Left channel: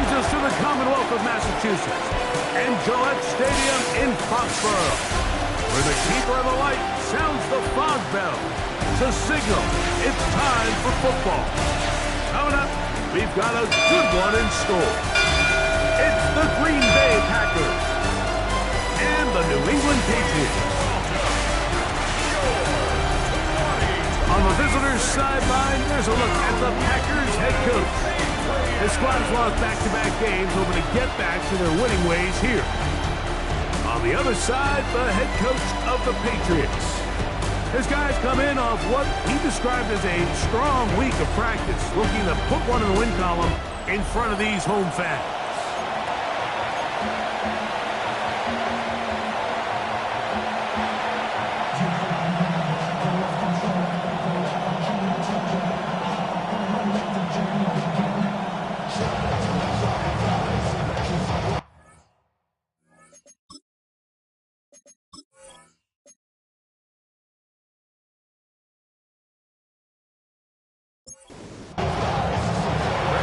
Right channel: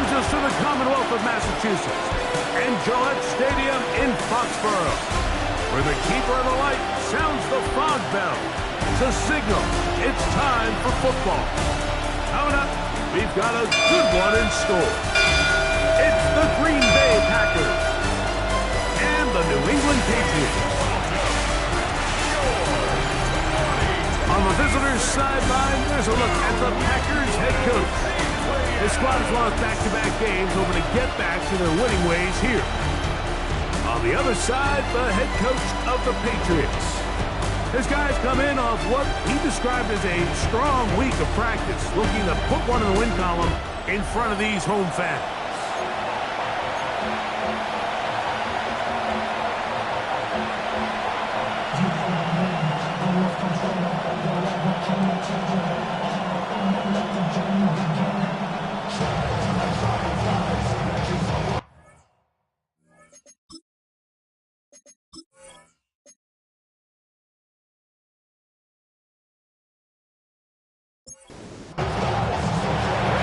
brings us to the Commonwealth of Massachusetts and Gillette Stadium in Foxborough, where the keeper of the light sounds the fog bell to signal it's time for football. Coming up, we've got a good one in store. It's the Green Bay Packers and the New England Patriots. On the visitors' sideline, there's a look at the Packers head coach. His squad has lost back-to-back games, hoping to get back to their winning ways here. On the other side, the head coach of the Patriots. His guys come in off what he described as a strong week of practice, looking to put one in the win column in front of these home fans.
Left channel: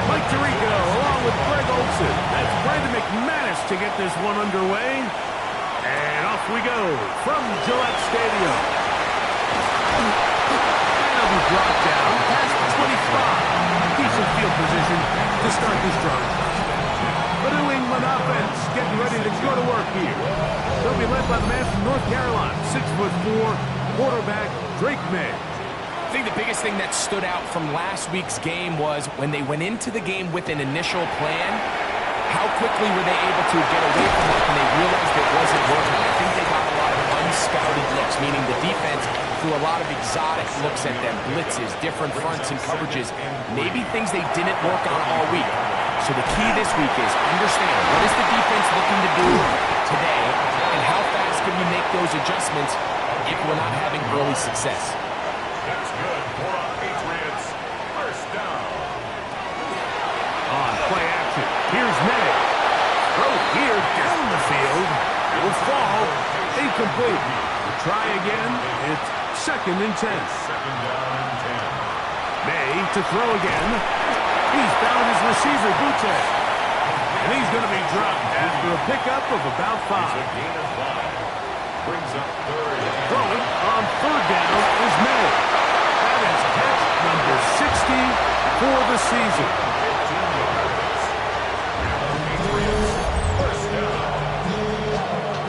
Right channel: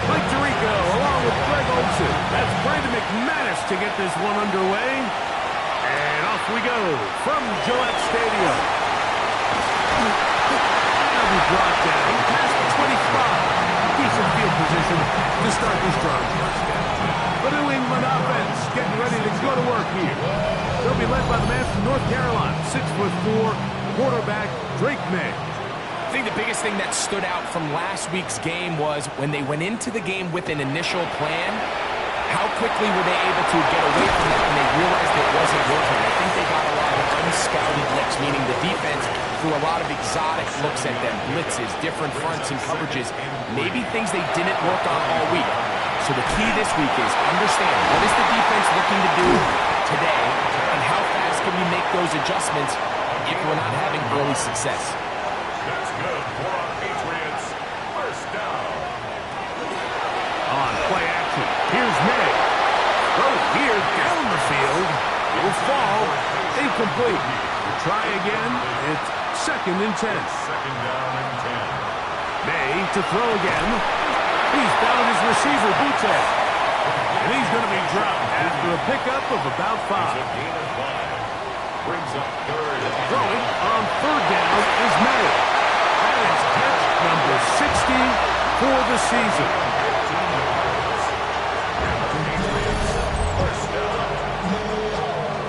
Mike Tirico, along with Greg Olsen. That's Brandon McManus to get this one underway. And off we go from Gillette Stadium. And it'll be brought down past the 25. Decent field position to start this drive. The New England offense getting ready to go to work here. They'll be led by the man from North Carolina, 6'4", quarterback Drake May. I think the biggest thing that stood out from last week's game was when they went into the game with an initial plan, how quickly were they able to get away from that when they realized it wasn't working. I think they got a lot of unscouted looks, meaning the defense threw a lot of exotic looks at them, blitzes, different fronts and coverages, maybe things they didn't work on all week. So the key this week is understand what is the defense looking to do today and how fast can we make those adjustments if we're not having early success. That's good for our Patriots. First down. On play action, here's May. Throw here down the field. It will fall. Incomplete. We'll try again. It's 2nd and 10. Second down and 10. May to throw again. He's found his receiver, Boutte. And he's going to be dropped after a pickup of about 5. It's a gain of 5. Brings up 3rd. Throwing on 3rd down is May. That is catch number 60 for the season. 15 yards. And the Patriots, first down.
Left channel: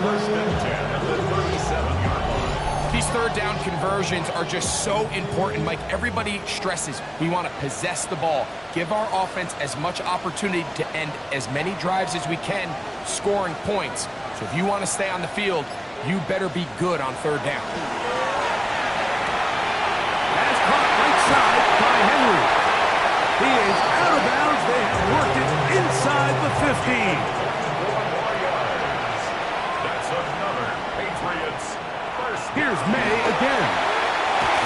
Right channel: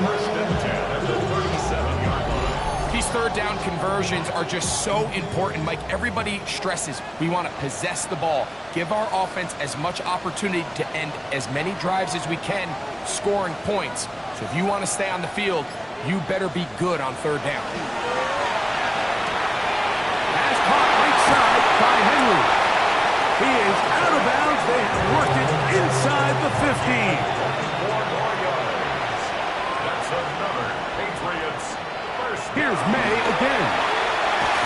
1st and 10 at the 37-yard line. These 3rd down conversions are just so important, Mike. Everybody stresses we want to possess the ball, give our offense as much opportunity to end as many drives as we can, scoring points. So if you want to stay on the field, you better be good on 3rd down. Pass caught right side by Henry. He is out of bounds. They have worked it inside the 15. 4 more yards. That's another Patriots first down. Here's May again.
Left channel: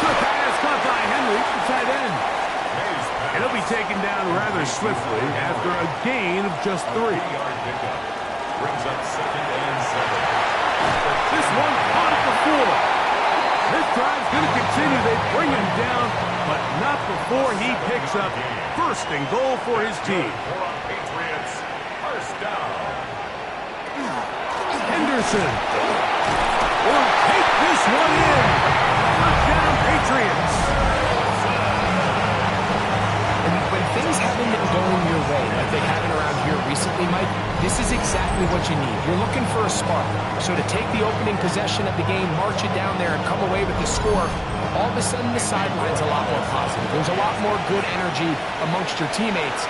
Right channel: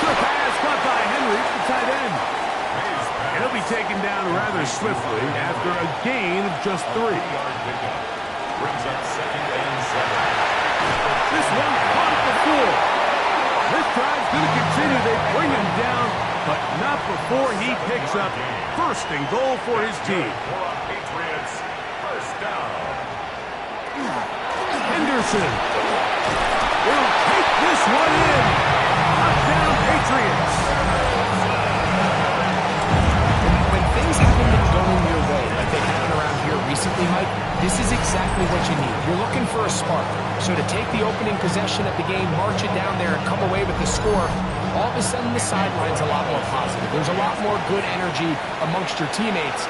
Good pass caught by Henry, the tight end. May's pass. And he'll be taken down rather swiftly after a gain of just 3. 3-yard pickup. Brings up 2nd and 7. This one caught at the 4. This drive's going to continue. They bring him down, but not before he picks up 1st and goal for his team. For our Patriots, first down. Henderson will take this one in. Touchdown, Patriots. And when things haven't been going your way, like they haven't around here recently, Mike, this is exactly what you need. You're looking for a spark. So to take the opening possession of the game, march it down there, and come away with the score, all of a sudden the sideline's a lot more positive. There's a lot more good energy amongst your teammates.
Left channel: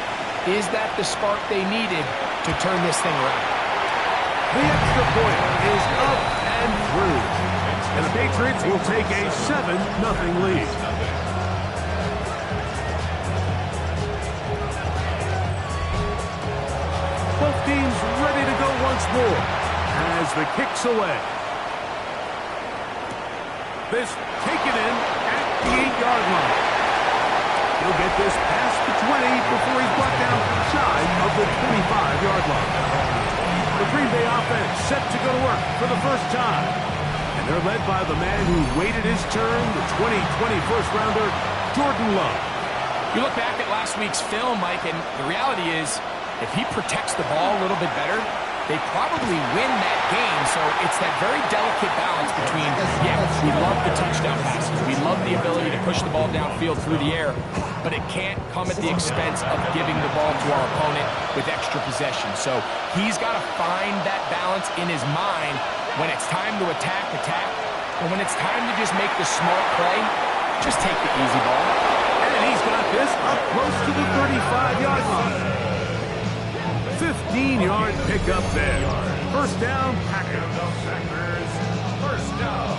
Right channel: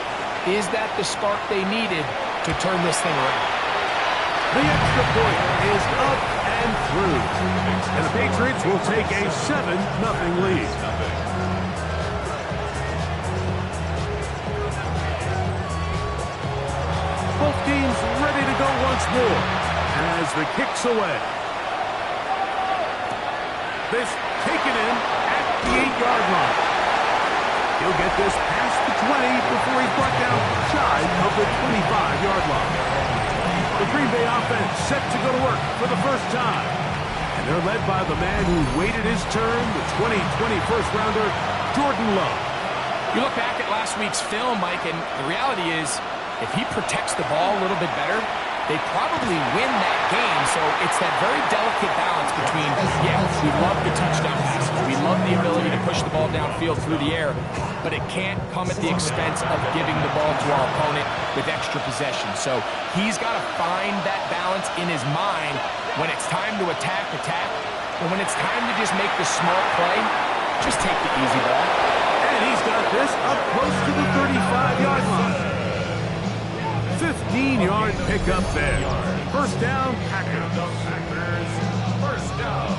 Is that the spark they needed to turn this thing around? The extra point is up and through. And the Patriots will take a 7-0 lead. Both teams ready to go once more as the kick's away. This taken in at the 8-yard line. He'll get this past the 20 before he's brought down shy of the 25-yard line. The Green Bay offense set to go to work for the first time. And they're led by the man who waited his turn, the 2020 first-rounder, Jordan Love. You look back at last week's film, Mike, and the reality is If he protects the ball a little bit better, they probably win that game. So it's that very delicate balance between, yeah, we love the touchdown passes. We love the ability to push the ball downfield through the air, but it can't come at the expense of giving the ball to our opponent with extra possession. So he's got to find that balance in his mind when it's time to attack, but when it's time to just make the smart play, just take the easy ball. And he's got this up close to the 35-yard line. 15-yard pickup there. First down, Packers. First down.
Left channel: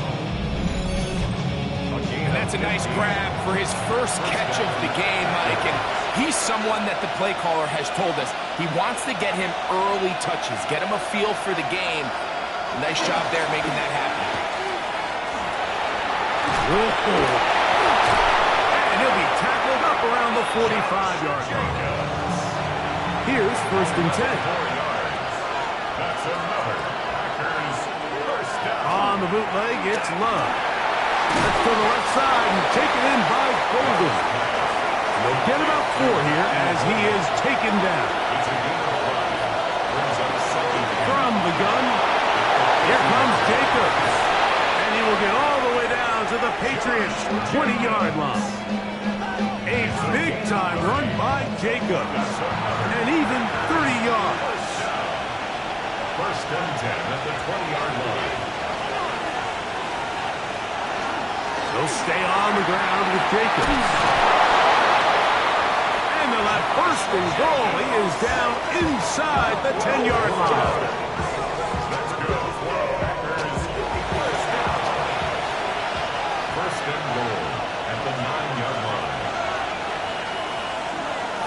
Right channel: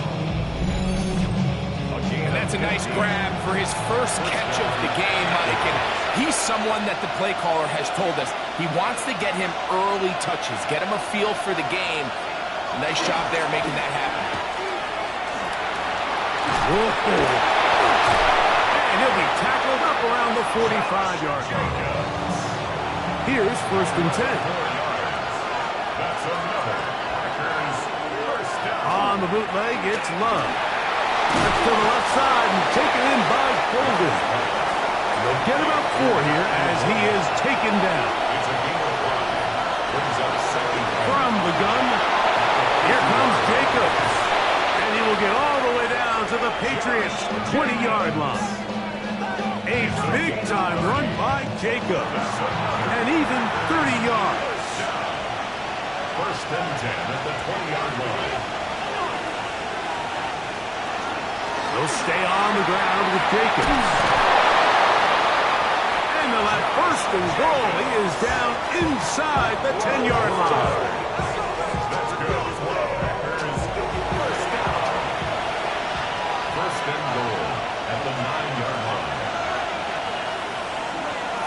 And that's a nice grab for his first catch of the game, Mike. And he's someone that the play caller has told us he wants to get him early touches, get him a feel for the game. Nice job there making that happen. Whoa. And he'll be tackled up around the 45-yard line. Here's first and 10. 4 yards. That's another Packers first down. On the bootleg, it's Love. That's to the left side and taken in by Golden. And they'll get about 4 here as he is taken down. It's a game of 5. Brings up second down. From the gun, here comes Jacobs. And he will get all the way down to the Patriots' 20-yard line. A big-time run by Jacobs. And even 30 yards. First and 10 at the 20-yard line. They'll stay on the ground with Jacobs. And they'll have first and goal. He is down inside the 10-yard line. Let's go for a Packers first down. First and goal at the 9-yard line.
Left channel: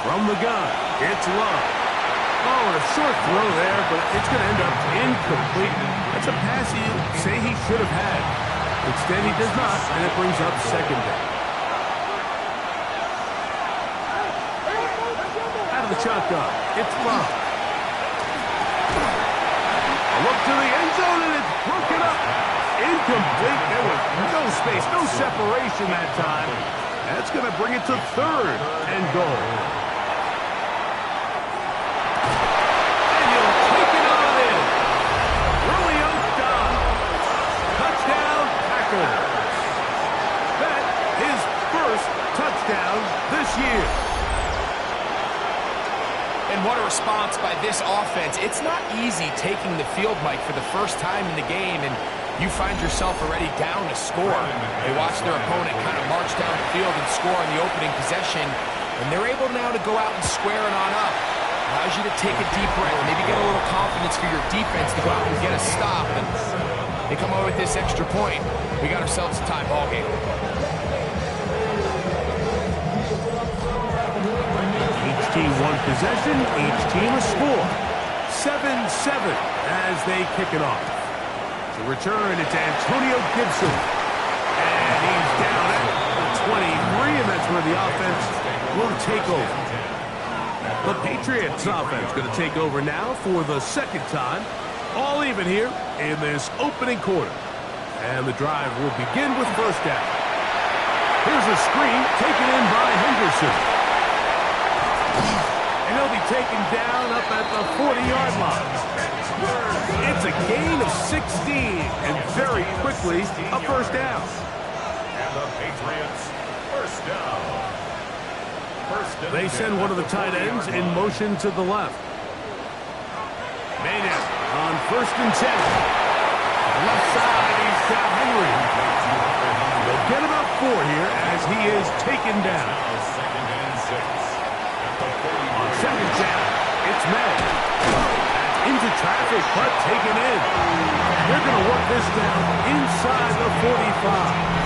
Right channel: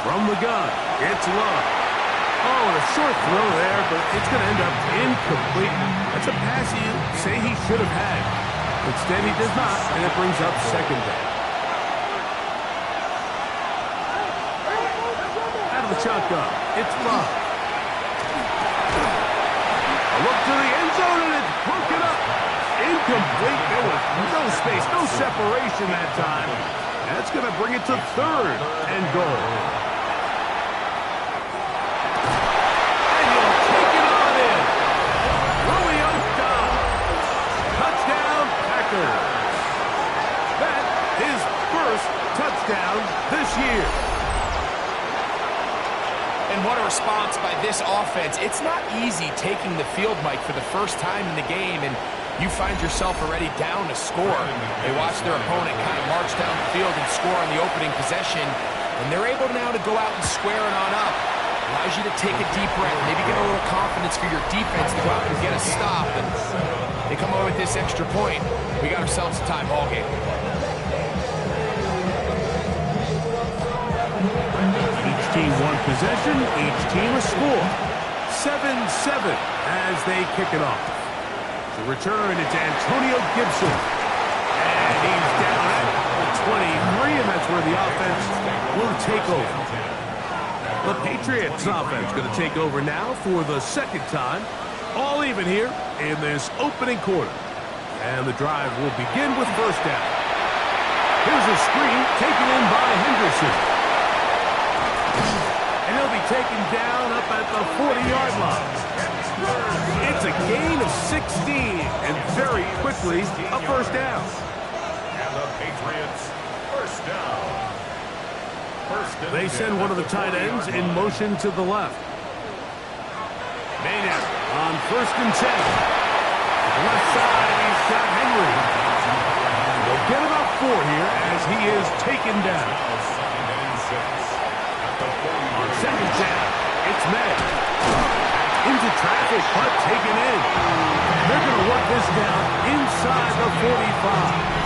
From the gun, it's Love. Oh, and a short throw there, but it's going to end up incomplete. That's a pass you say he should have had. Instead, he does not, and it brings up second down. Out of the shotgun, it's Love. A look to the end zone, and it's broken up. Incomplete. There was no space, no separation that time. That's going to bring it to third and goal. And you'll take it on in. Romeo Doubs. Touchdown, Packers. That is first touchdown this year. And what a response by this offense. It's not easy taking the field, Mike, for the first time in the game, and you find yourself already down to score. They watch their opponent kind of march down the field and score on the opening possession, and they're able now to go out and square it on up. Allows you to take a deep breath, maybe get a little confidence for your defense to go out and get a stop, and they come away with this extra point. We got ourselves a tie ball game. Each team one possession, each team a score. 7-7 as they kick it off. To return, it's Antonio Gibson. And he's down at the 23, and that's where the offense will take over. The Patriots offense going to take over now for the second time. All even here in this opening quarter. And the drive will begin with first down. Here's a screen taken in by Henderson. And he'll be taken down up at the 40-yard line. It's a gain of 16, and very quickly a first down. And the Patriots first down. They send one of the tight ends in motion to the left. Maynard on first and 10. The left side, he's got Henry. They'll get about 4 here as he is taken down. Second and 6. On second down, it's May. That's into traffic, but taken in. They're going to work this down inside the 45.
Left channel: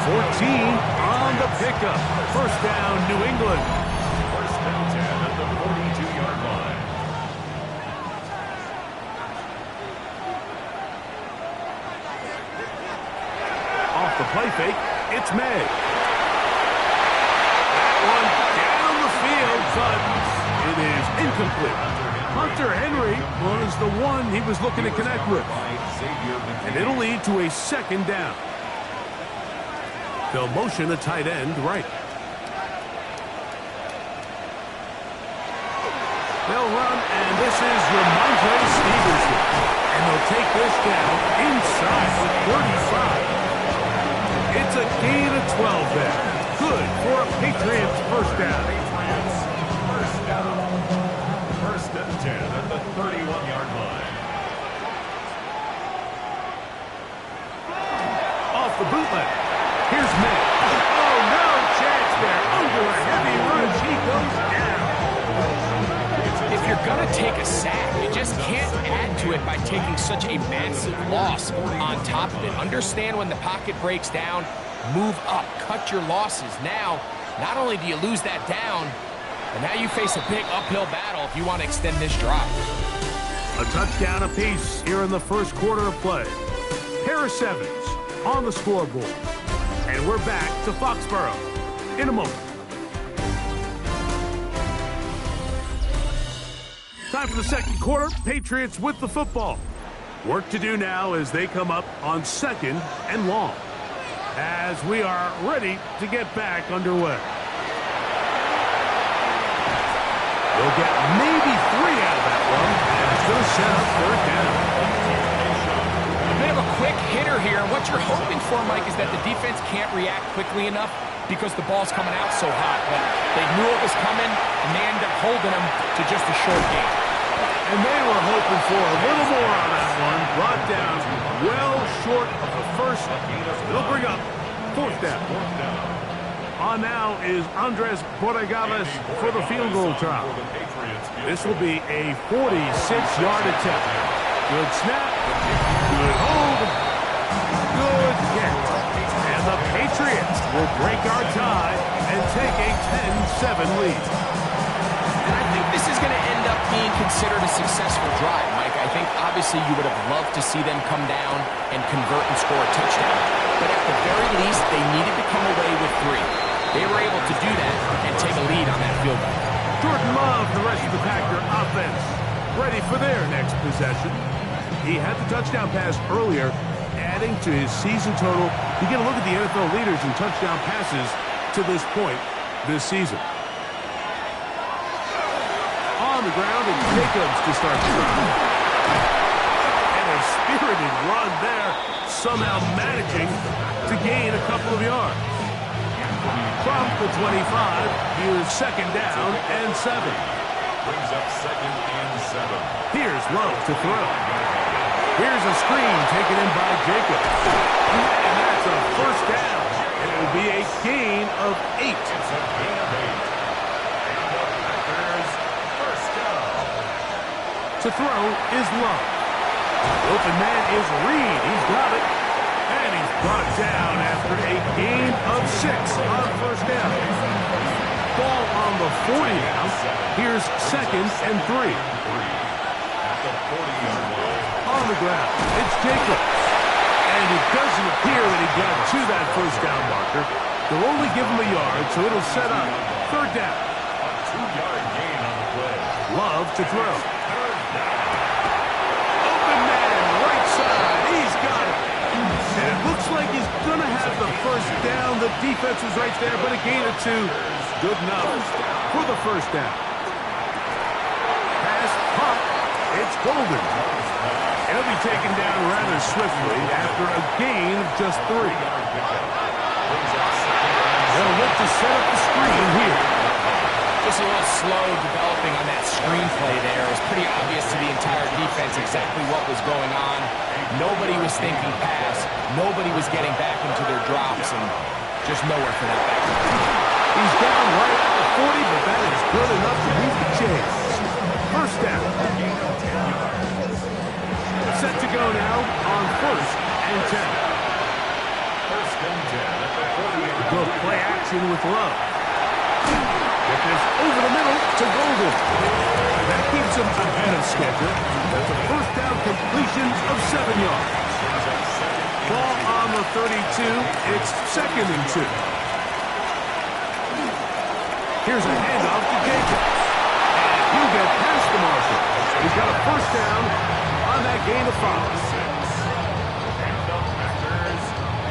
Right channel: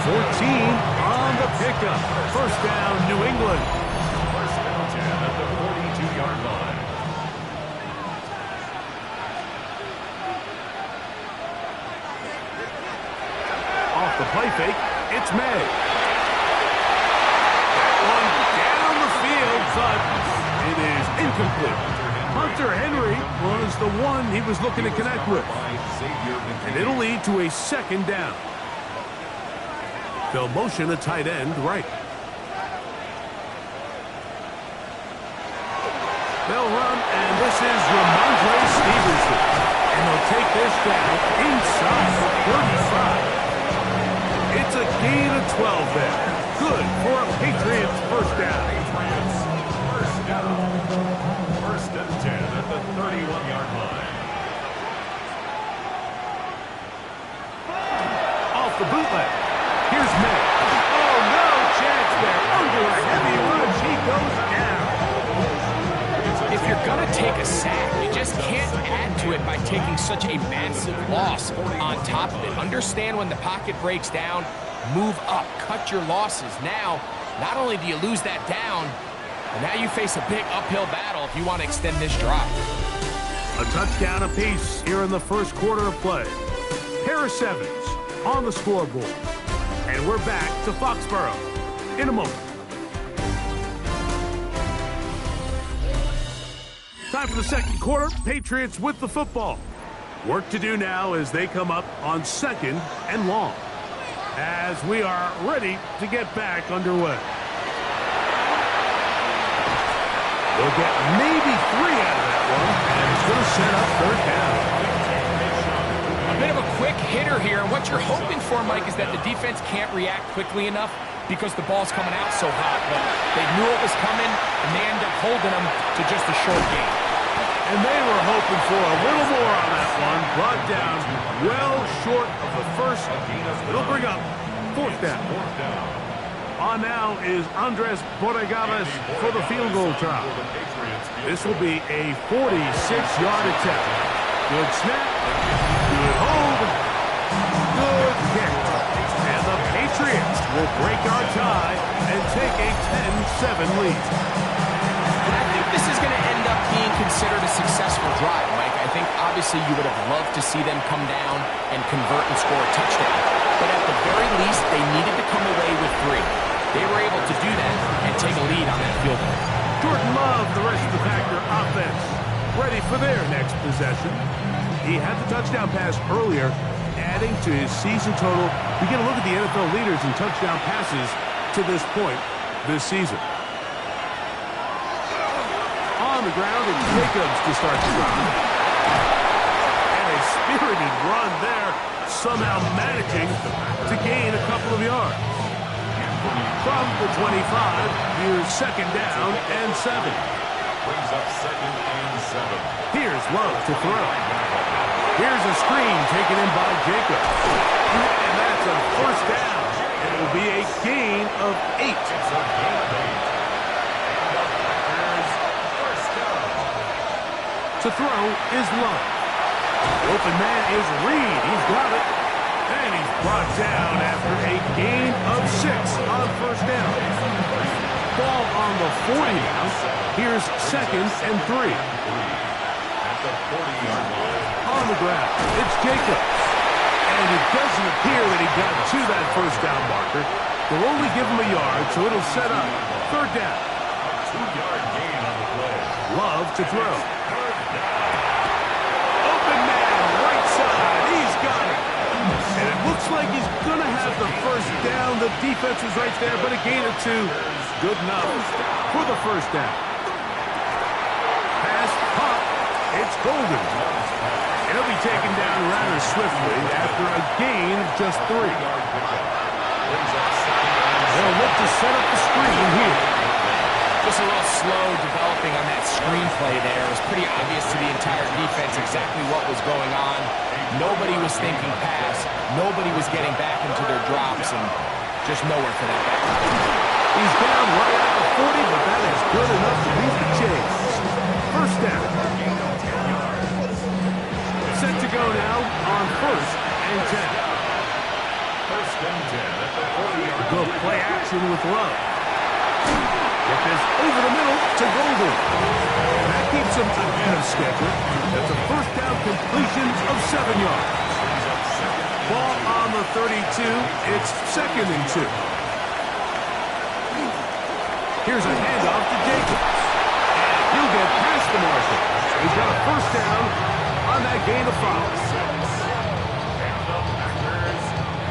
14 on the pickup. First down, New England. First and 10 at the 42-yard line. Off the play fake, it's May. That one down the field, but it is incomplete. Hunter Henry was the one he was looking to connect with. And it'll lead to a second down. They'll motion a tight end right. They'll run, and this is Ramondre Stevenson. And they'll take this down inside the 35. It's a gain of 12 there. Good for a Patriots first down. Patriots first down. First and 10 at the 31-yard line. Off the bootleg. Here's May. Oh, no chance there. Under a heavy rush, he goes down. If you're going to take a sack, you just can't add to it by taking such a massive loss on top of it. Understand when the pocket breaks down, move up, cut your losses. Now, not only do you lose that down, but now you face a big uphill battle if you want to extend this drive. A touchdown apiece here in the first quarter of play. Harris Evans on the scoreboard. And we're back to Foxborough in a moment. Time for the second quarter. Patriots with the football. Work to do now as they come up on 2nd and long. As we are ready to get back underway. They'll get maybe 3 out of that one, and it's going to set up 3rd down. A bit of a quick hitter here, and what you're hoping for, Mike, is that the defense can't react quickly enough because the ball's coming out so hot. But they knew it was coming, and they end up holding them to just a short gain. And they were hoping for a little more on that one. Brought down well short of the first. It'll bring up 4th down. On now is Andres Borregales for the field goal try. This will be a 46-yard attempt. Good snap. Good hold. Good kick. And the Patriots will break our tie and take a 10-7 lead. And I think this is going to end up being considered a successful drive, Mike. I think obviously you would have loved to see them come down and convert and score a touchdown. But at the very least, they needed to come away with 3. They were able to do that and take a lead on that field goal. Jordan Love, the rest of the Packer offense, ready for their next possession. He had the touchdown pass earlier, adding to his season total. You get a look at the NFL leaders in touchdown passes to this point this season. On the ground, it's Jacobs to start the drive. And a spirited run there, somehow managing to gain a couple of yards. From the 25, here's 2nd down and 7. Brings up 2nd and 7. Here's Love to throw. Here's a screen taken in by Jacobs. And that's a first down. And it will be a gain of 8. It's a gain of 8. And the Packers first down. To throw is Love. The open man is Reed. He's got it. And he's brought down after a gain of 6 on first down. Ball on the 40 now. Here's 2nd and 3. At the 40-yard line. On the ground, it's Jacobs. And it doesn't appear that he got to that first down marker. They'll only give him a yard, so it'll set up 3rd down. A 2-yard gain on the play. Love to throw. 3rd down. Open man, right side. He's got it. And it looks like he's going to have the first down. The defense was right there, but a gain of 2. Good enough for the first down. Pass, pop. It's Golden. And he'll be taken down rather swiftly after a gain of just 3. They'll look to set up the screen here. Just a little slow developing on that screenplay there. It was pretty obvious to the entire defense exactly what was going on. Nobody was thinking pass. Nobody was getting back into their drops, and just nowhere for that back. He's down right at the 40, but that is good enough to beat the chase. First down. Set to go now on 1st and 10. 1st and 10 at the 40-yard line. Go play action with Love. Get this over the middle to Golden. That keeps him ahead of schedule. That's a first down completion of 7 yards. Ball on the 32. It's 2nd and 2. Here's a handoff to Jacobs. And he'll get past the marshal. He's got a first down on that gain of 5. And the Packers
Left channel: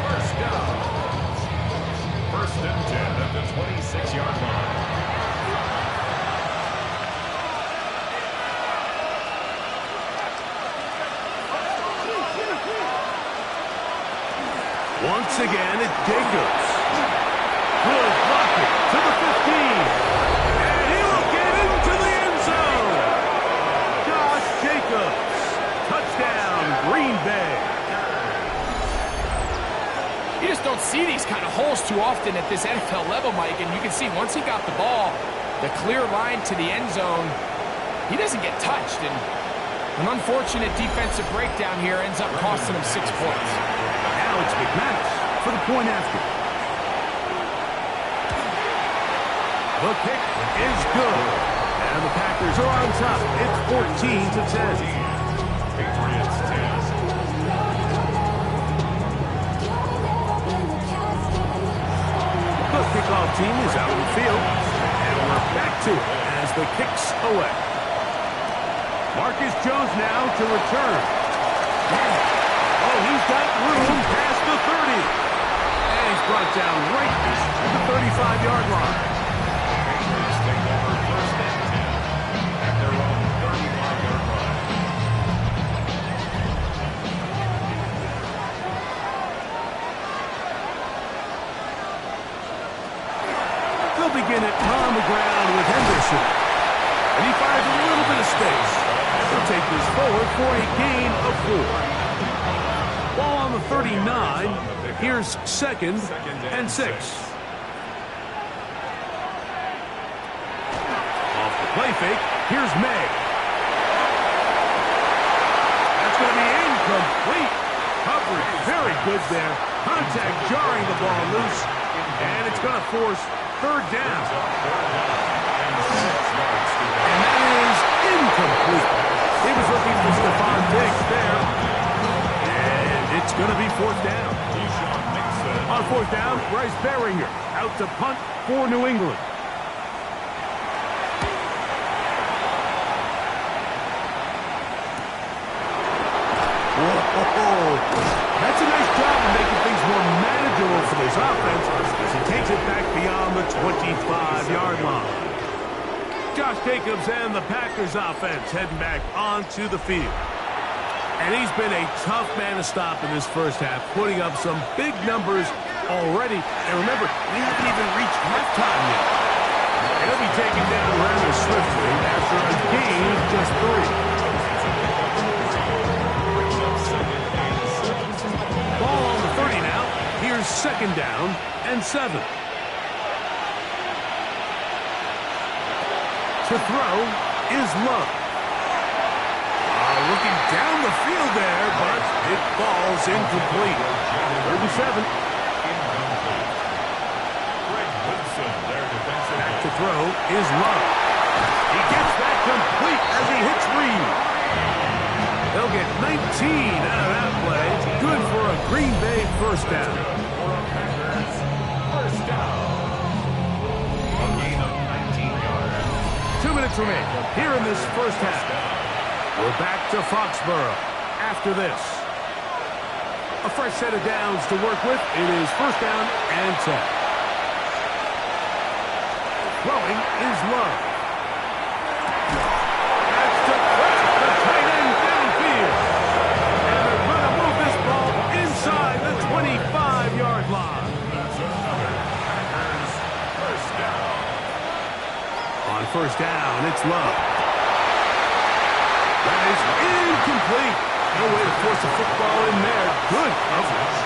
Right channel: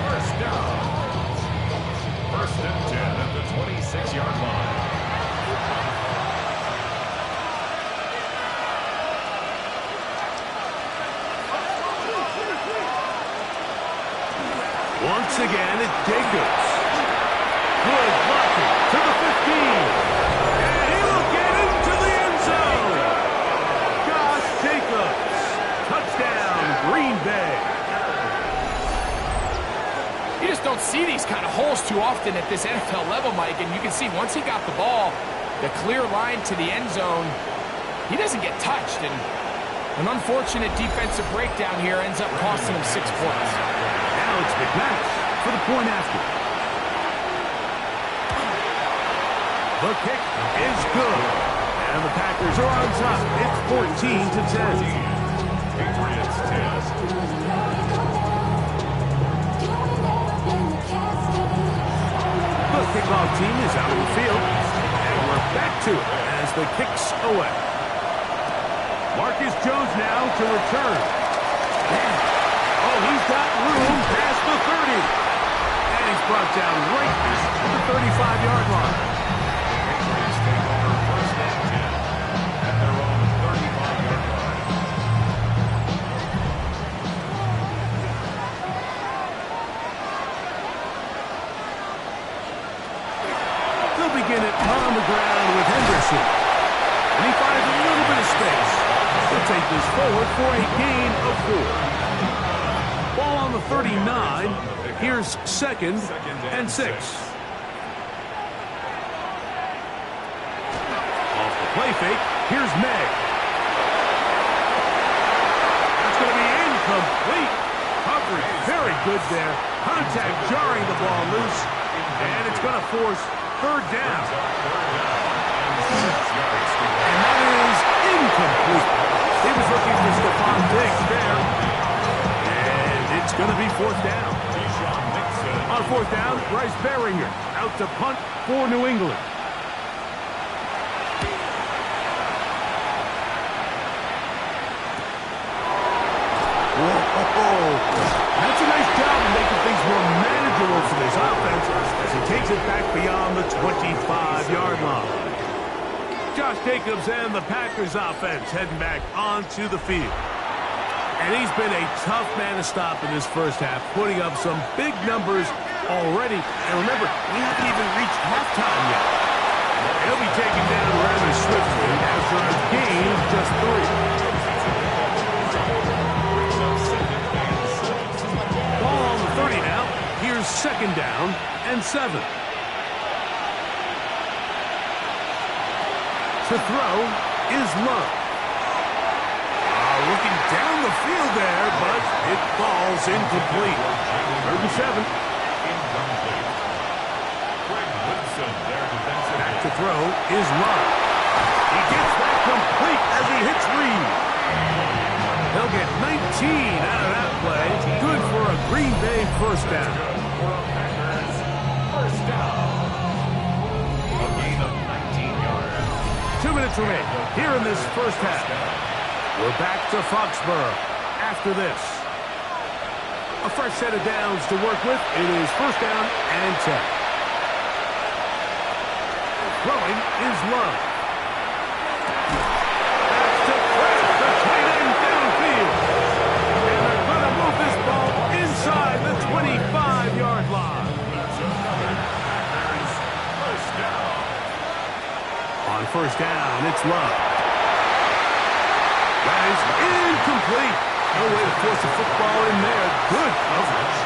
first down. 1st and 10 at the 26-yard line. Once again, it's Jacobs. Good blocking to the 15. And he will get into the end zone. Josh Jacobs. Touchdown, Green Bay. You just don't see these kind of holes too often at this NFL level, Mike. And you can see once he got the ball, the clear line to the end zone, he doesn't get touched. And an unfortunate defensive breakdown here ends up costing him 6 points. Now it's McManus for the point after. The kick is good. And the Packers are on top. It's 14-10. Patriots 10. The kickoff team is out on the field. And we're back to it as the kick's away. Marcus Jones now to return. Oh, he's got room past the 30. And he's brought down right to the 35-yard line. Patriots take over first and 10 at their own 35-yard line. They'll begin it on the ground with Henderson. And he finds a little bit of space. He'll take this forward for a gain of 4. Ball on the 39. Here's 2nd and 6. Off the play fake. Here's May. That's going to be incomplete. Coverage very good there. Contact jarring the ball loose. And it's going to force 3rd down. And that is incomplete. He was looking for Stephon Diggs there. And it's going to be 4th down. On 4th down, Bryce Baringer out to punt for New England. Whoa. That's a nice job of making things more manageable for this offense as he takes it back beyond the 25-yard line. Josh Jacobs and the Packers offense heading back onto the field. And he's been a tough man to stop in this first half, putting up some big numbers already. And remember, we haven't even reached halftime yet. And he'll be taken down rather swiftly after a gain of just 3. Ball on the 30 now. Here's 2nd down and 7. To throw is Love. Looking down the field there, but it falls incomplete. 3rd and 7. Incomplete. Greg Woodson, their defensive back to throw is Love. He gets that complete as he hits Reed. They'll get 19 out of that play. Good for a Green Bay 1st down. for a Packers first down. A gain of 19 yards. 2 minutes remain here in this first half. We're back to Foxborough after this. A fresh set of downs to work with. It is 1st down and 10. Throwing is Love. That's to Kraft, the tight end downfield. And they're going to move this ball inside the 25-yard line. That's another Packers first down. On 1st down, it's Love. That is incomplete. No way to force the football in there. Good coverage.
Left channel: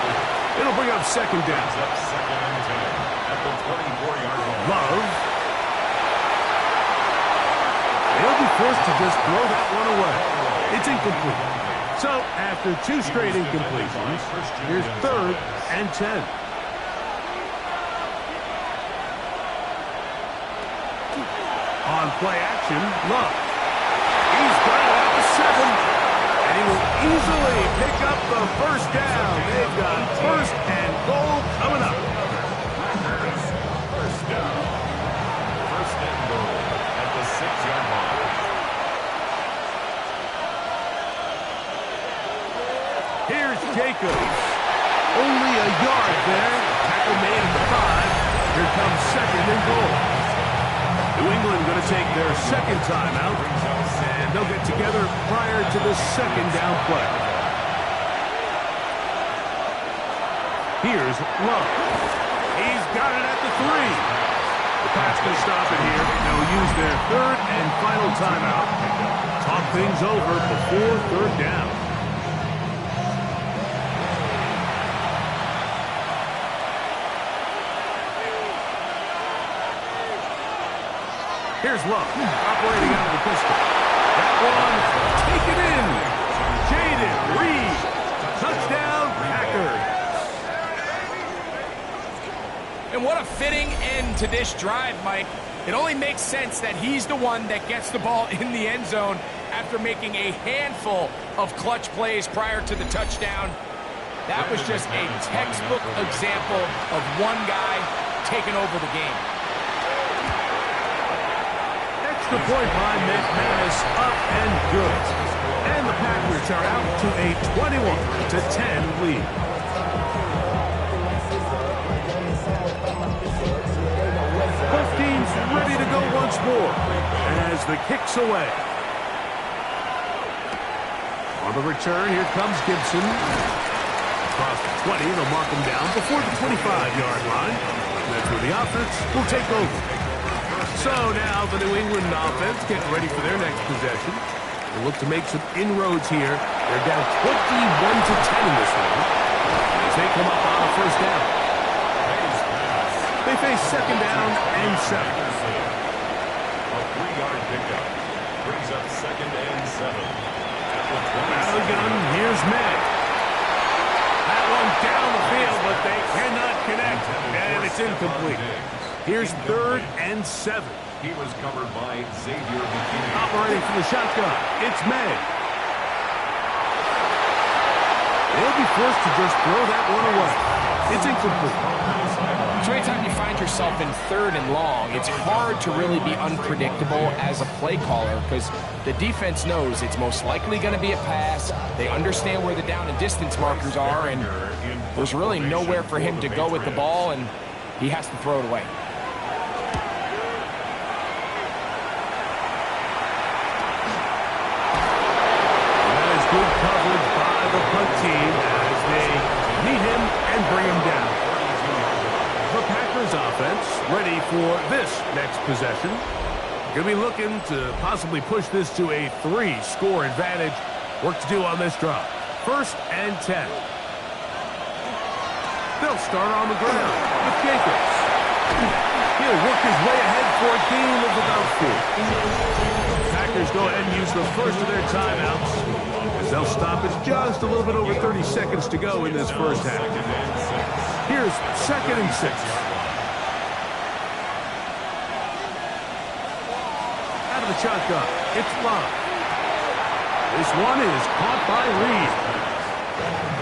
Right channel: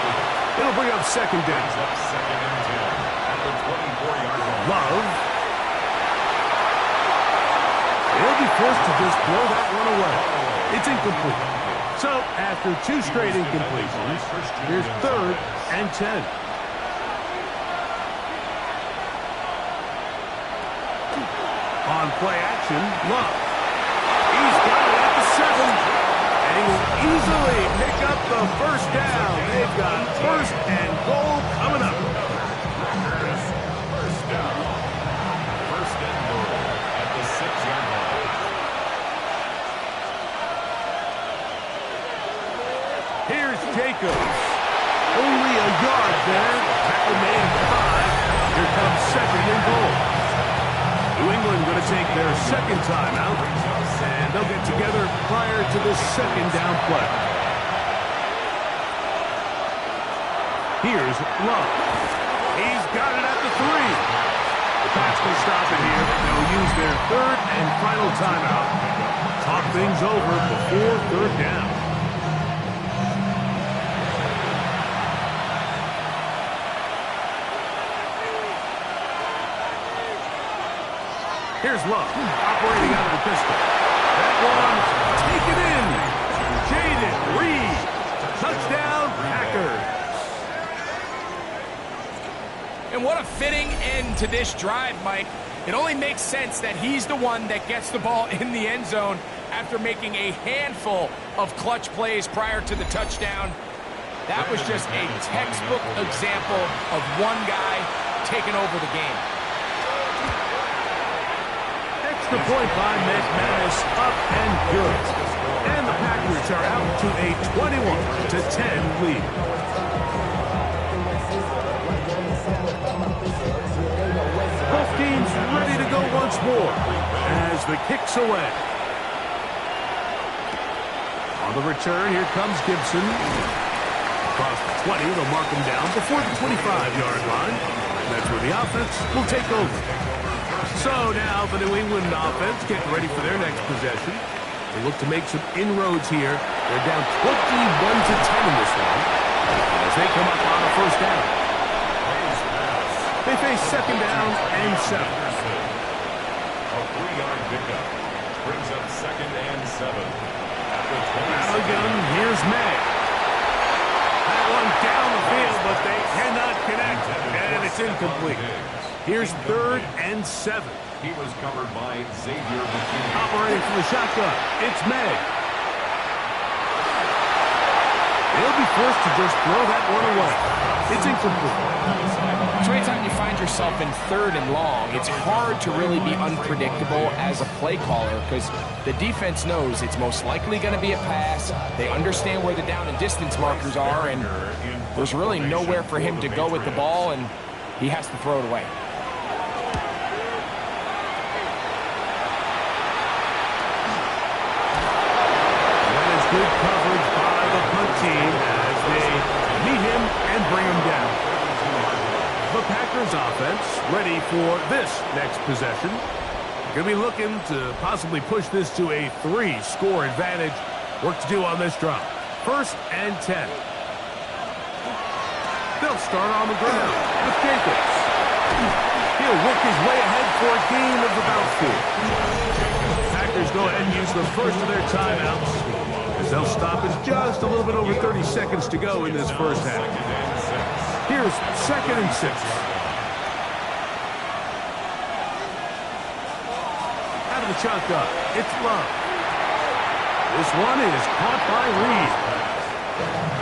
It'll bring up 2nd down. Brings up 2nd and 10 at the 24-yard line. Love. They'll be forced to just throw that one away. It's incomplete. So, after 2 straight incompletions, here's 3rd and 10. On play action, Love. He's got it at the 7. And he will easily pick up the 1st down. They've got 1st and goal coming up. Packers first down. 1st and goal at the 6-yard line. Here's Jacobs. Only a yard there. Tackle made at 5. Here comes 2nd and goal. New England going to take their 2nd timeout, and they'll get together prior to this 2nd down play. Here's Love. He's got it at the 3. The Pats will stop it here. They'll use their third and final timeout. Talk things over before third down. Here's Love, operating out of the pistol. That one, taken in. Jaden Reed. Touchdown, Packers. And what a fitting end to this drive, Mike. It only makes sense that he's the one that gets the ball in the end zone after making a handful of clutch plays prior to the touchdown. That was just a textbook example of one guy taking over the game. Extra point by McManus, up and good. And the Packers are out to a 21-10 lead. Both teams ready to go once more as the kick's away. On the return, here comes Gibson. Across the 20, they'll mark him down before the 25-yard line. That's where the offense will take over. So now the New England offense getting ready for their next possession. They look to make some inroads here. They're down 21-10 in this one as they come up on a first down. They face second down and 7. A 3-yard pickup brings up second and 7. At the 20. Out of the gun, here's May. That one down the field, but they cannot connect, and it's incomplete. Here's third and 7. He was covered by Xavier McKinney. Operating from the shotgun, it's May. They'll be forced to just throw that one away. It's incomplete. So anytime you find yourself in third and long, it's hard to really be unpredictable as a play caller because the defense knows it's most likely going to be a pass. They understand where the down and distance markers are, and there's really nowhere for him to go with the ball, and he has to throw it away. That is good coverage by the punt team as they meet him and bring him down. The Packers offense ready for this next possession. Going to be looking to possibly push this to a 3-score advantage. Work to do on this drive. First and 10. They'll start on the ground with Jacobs. He'll work his way ahead for a gain of about 4. Packers go ahead and use the first of their timeouts as they'll stop it just a little bit over 30 seconds to go in this first half. Here's second and 6. Out of the shotgun, it's Love. This one is caught by Reed.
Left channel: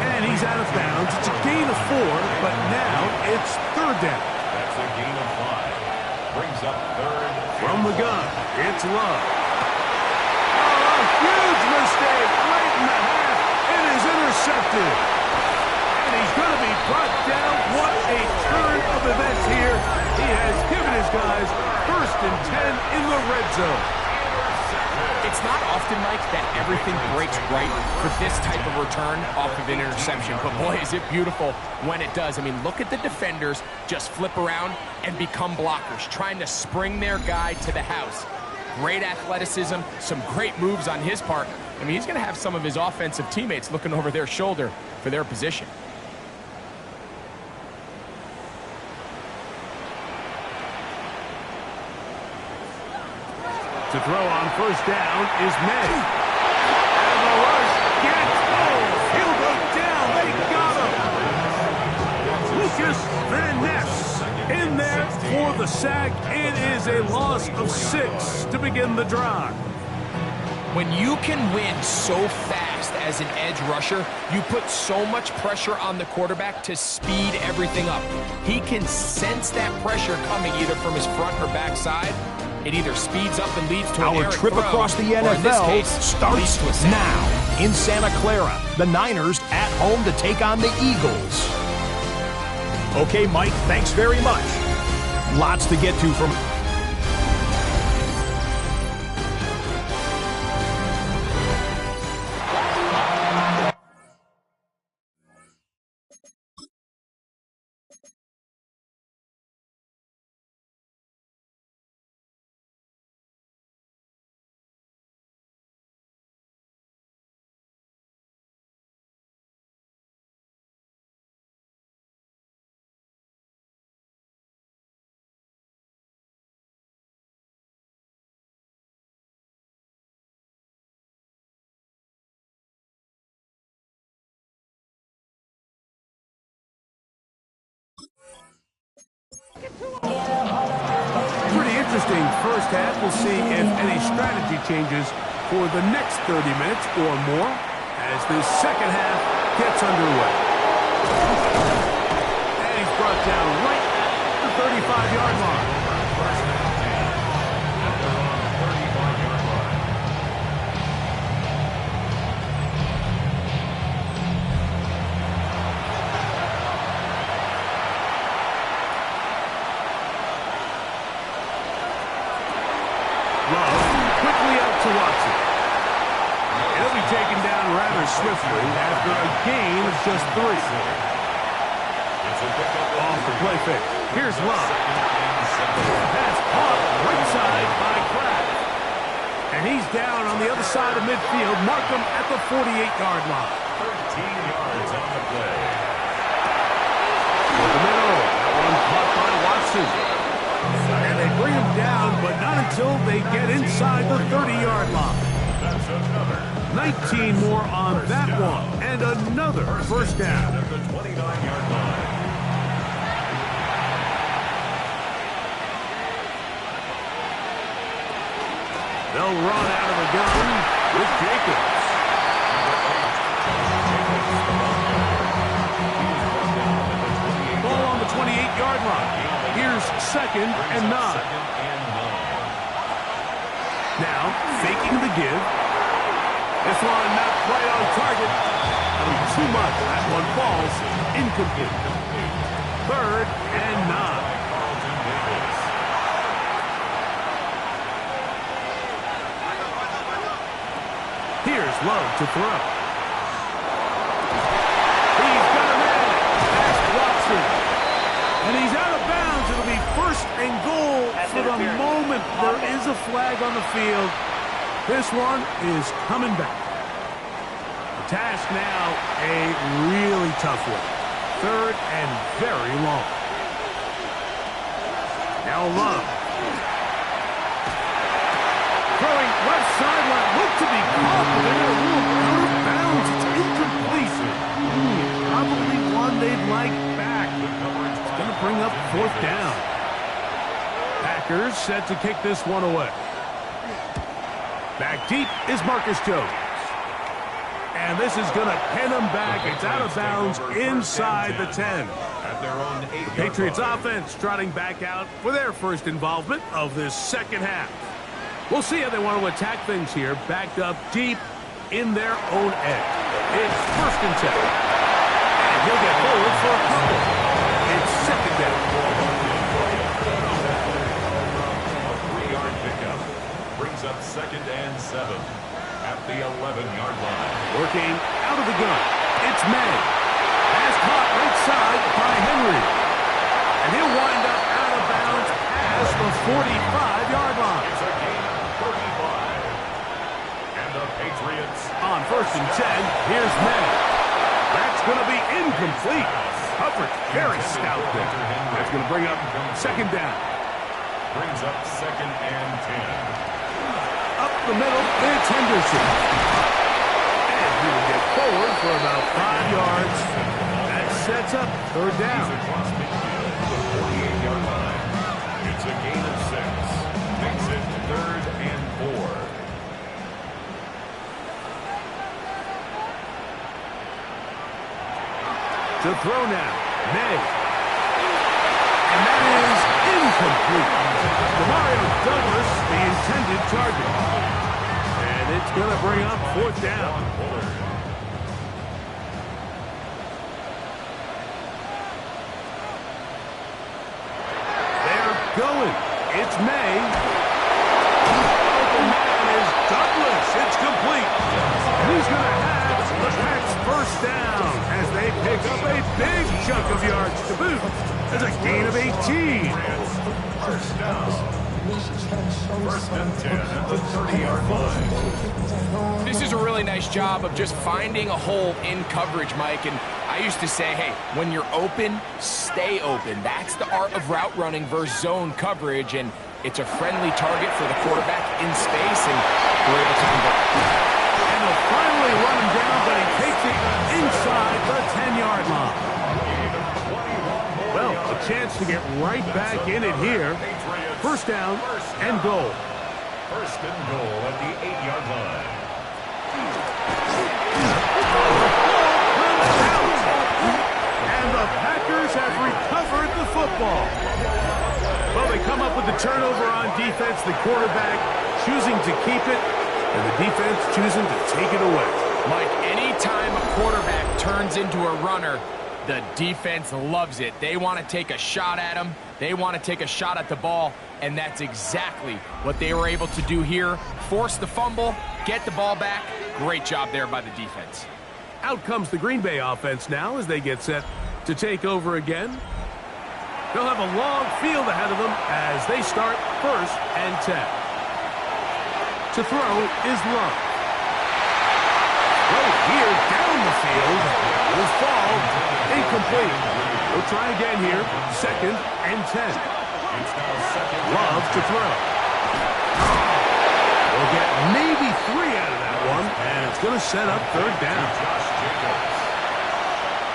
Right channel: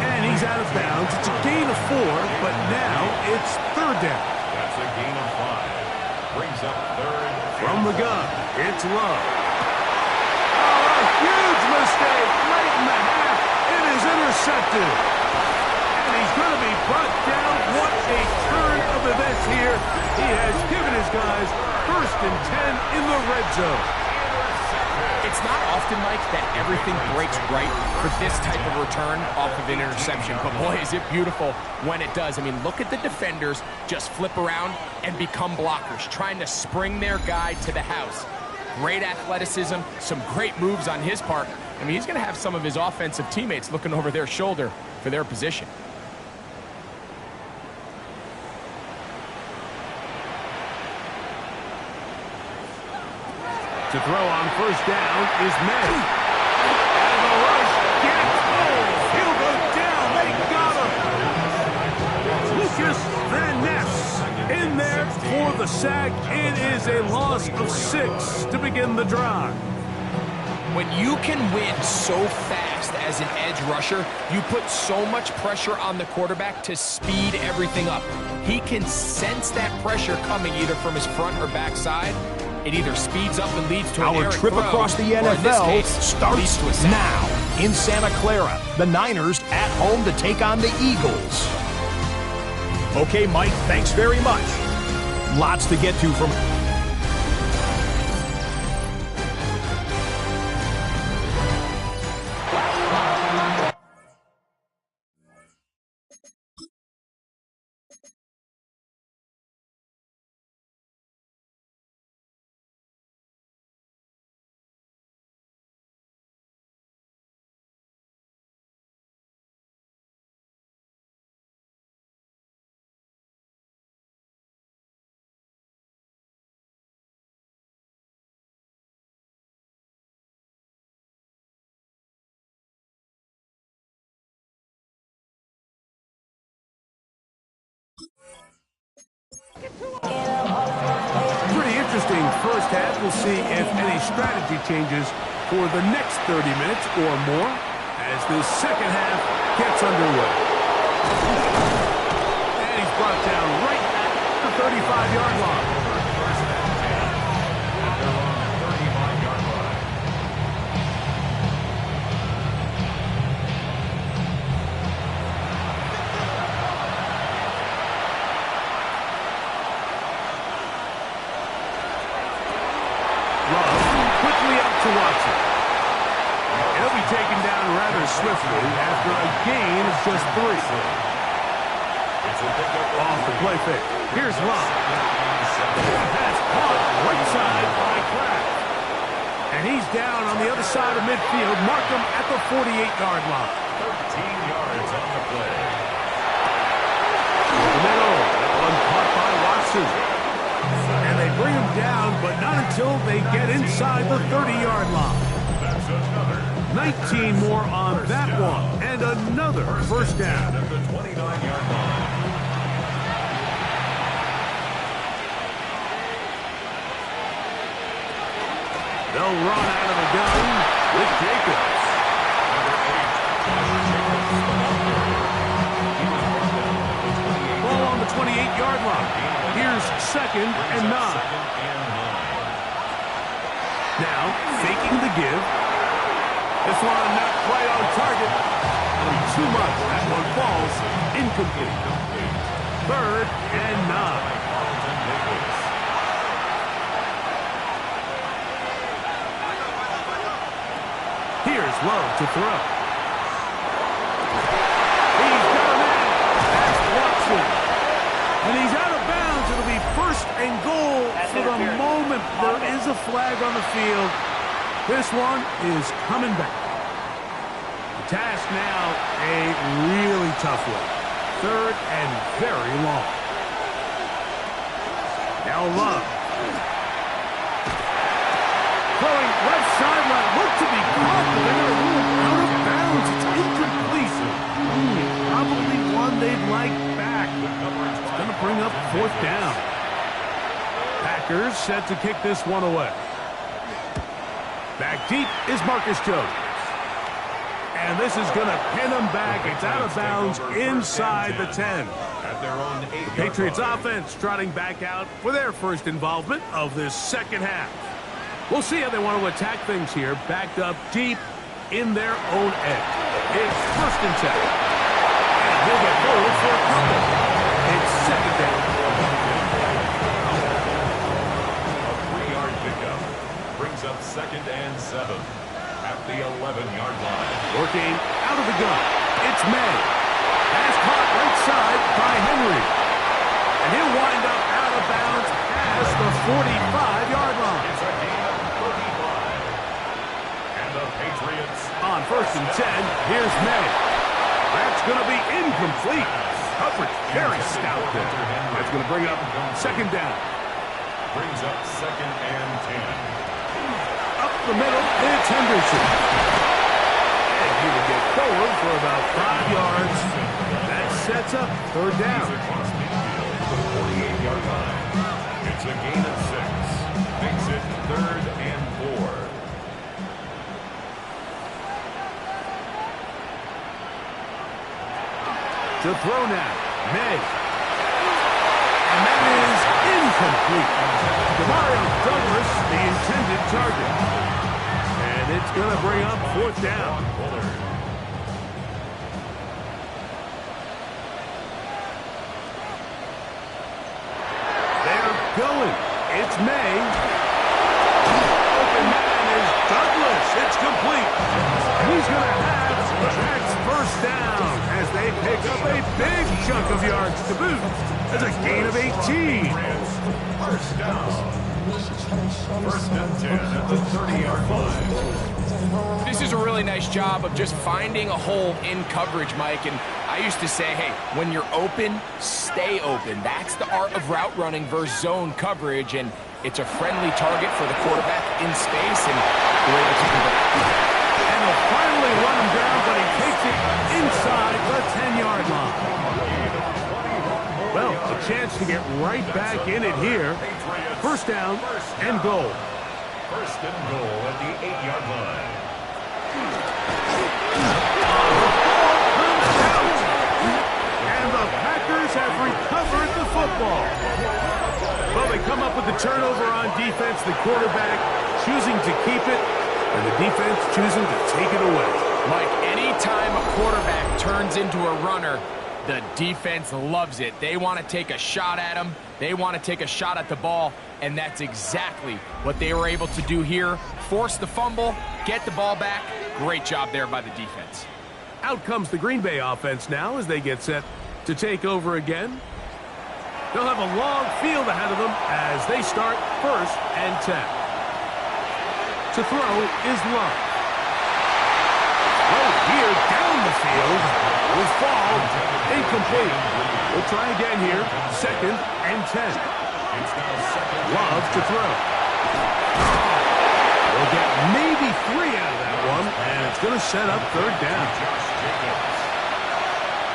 And he's out of bounds. It's a gain of 4, but now it's third down. That's a gain of 5. Brings up third. From the gun, it's Love. Oh, a huge mistake late in the half. It is intercepted. And he's going to be brought down. What a turn of events here. He has given his guys first and 10 in the red zone. It's not often, Mike, that everything breaks right for this type of return off of an interception. But boy, is it beautiful when it does. I mean, look at the defenders just flip around and become blockers, trying to spring their guy to the house. Great athleticism, some great moves on his part. I mean, he's going to have some of his offensive teammates looking over their shoulder for their position. To throw on first down is May. And the rush gets he'll go down. They got him. Lucas Van Ness in there for the sack. It is a loss of 6 to begin the drive. When you can win so fast as an edge rusher, you put so much pressure on the quarterback to speed everything up. He can sense that pressure coming either from his front or back side. It either speeds up and leads to an Our errant trip throw, across the or in this NFL case, starts leads to a sack. now in Santa Clara. The Niners at home to take on the Eagles. Okay, Mike, thanks very much. Lots to get to from interesting first half. We'll see if any strategy changes for the next 30 minutes or more as this second half gets underway. And he's brought down right at the 35-yard line. First and 10. And they're on the 35-yard line. Love quickly out to Watson. He'll be taken down rather swiftly after a gain of just 3. Off the play fake. Here's Love. Pass caught right side by Kraft. And he's down on the other side of midfield. Mark him at the 48-yard line. 13 yards on the play. For the middle. That one caught by Watson. And they bring him down, but not until they get inside the 30-yard line. That's another 19 more on that one. And another first down. at the 29-yard line. They'll run out of the gun with Jacobs. Number 8, Josh Jacobs, the ball carrier. He was brought down at the 28. Ball on the 28-yard line. Here's second and 9. Second and 9. Now, faking the give. This one not quite on target. That'll be too much. That one falls incomplete. Third and 9. By Carlton Davis. Here's Love to throw. He's got a man. That's Watson. And he's out of bounds. It'll be first and goal for the moment. There is a flag on the field. This one is coming back. The task now, a really tough one. Third and very long. Now Love. Throwing left sideline. Looked to be caught, but they're going to rule out of bounds. It's incomplete. Probably one they'd like back. It's going to bring up fourth down. Packers set to kick this one away. Back deep is Marcus Jones. And this is going to pin him back. It's out of bounds inside the 10. At their own 8-yard Patriots line. offense trotting back out for their first involvement of this second half. We'll see how they want to attack things here, backed up deep in their own end. It's first and 10. And he'll get forward for a couple. It's second down. A 3-yard pickup brings up second and 7 at the 11-yard line. Working out of the gun. It's May. Pass caught right side by Henry. And he'll wind up out of bounds past the 45-yard line. It's a gain of 35. And the Patriots On first and 10, here's May. That's going to be incomplete. Coverage very stout there. That's going to bring up second down. brings up second and 10. Up the middle, it's Henderson. And he will get forward for about 5 yards. That sets up third down. He's across midfield to the 48-yard line. It's a gain of 6. Makes it third and 4. To throw now, May. And that is incomplete. Demario Douglas, the intended target. And it's going to bring up fourth down. They're going. It's May. Open man is Douglas. It's complete. And he's going to have the Packs first down as they pick up a big chunk of yards to boot. That's a gain of 18. First down. First and 10 at the 30-yard line. This is a really nice job of just finding a hole in coverage, Mike. And I used to say, hey, when you're open, stay open. That's the art of route running versus zone coverage. And it's a friendly target for the quarterback in space, and they're able to convert. And they'll finally run him down, but he takes it inside the 10-yard line. Gain of 21 more Well, a chance to get right back in it here. First down and goal. First and goal at the 8-yard line. And the Packers have recovered the football. Well, they come up with the turnover on defense. The quarterback choosing to keep it, and the defense choosing to take it away. Mike, anytime a quarterback turns into a runner, the defense loves it. They want to take a shot at him. They want to take a shot at the ball, and that's exactly what they were able to do here. Force the fumble, get the ball back. Great job there by the defense. Out comes the Green Bay offense now as they get set to take over again. They'll have a long field ahead of them as they start 1st and 10. To throw is Love. Throw here down the field. Will fall. Incomplete. We'll try again here. 2nd and 10. Love to throw. We'll get maybe 3 out of that one, and it's going to set up 3rd down. Josh Jacobs.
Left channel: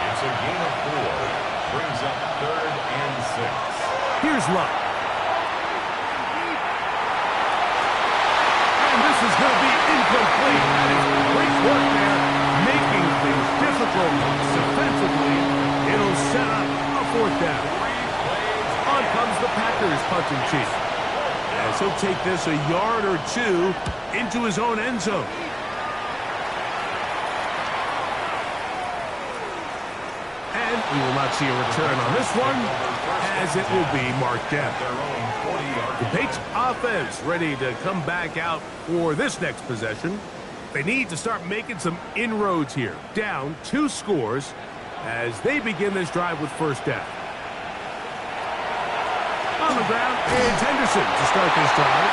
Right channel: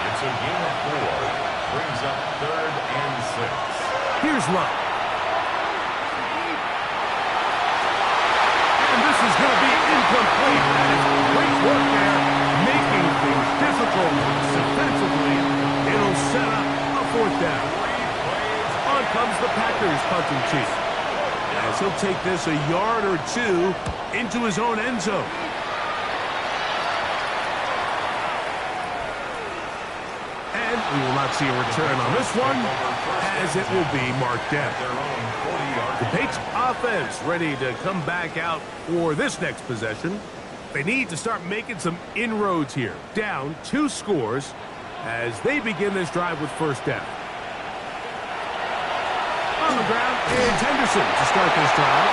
It's a gain of 4. Brings up 3rd and 6. Here's Love. And this is going to be incomplete. That is great work there, making things difficult defensively. It'll set up a 4th down. On comes the Packers punting chief, as he'll take this a yard or 2 into his own end zone. And we will not see a return on this one, as it will be marked down. The Patriots offense ready to come back out for this next possession. They need to start making some inroads here. Down 2 scores as they begin this drive with 1st down. On the ground, it's Henderson to start this drive.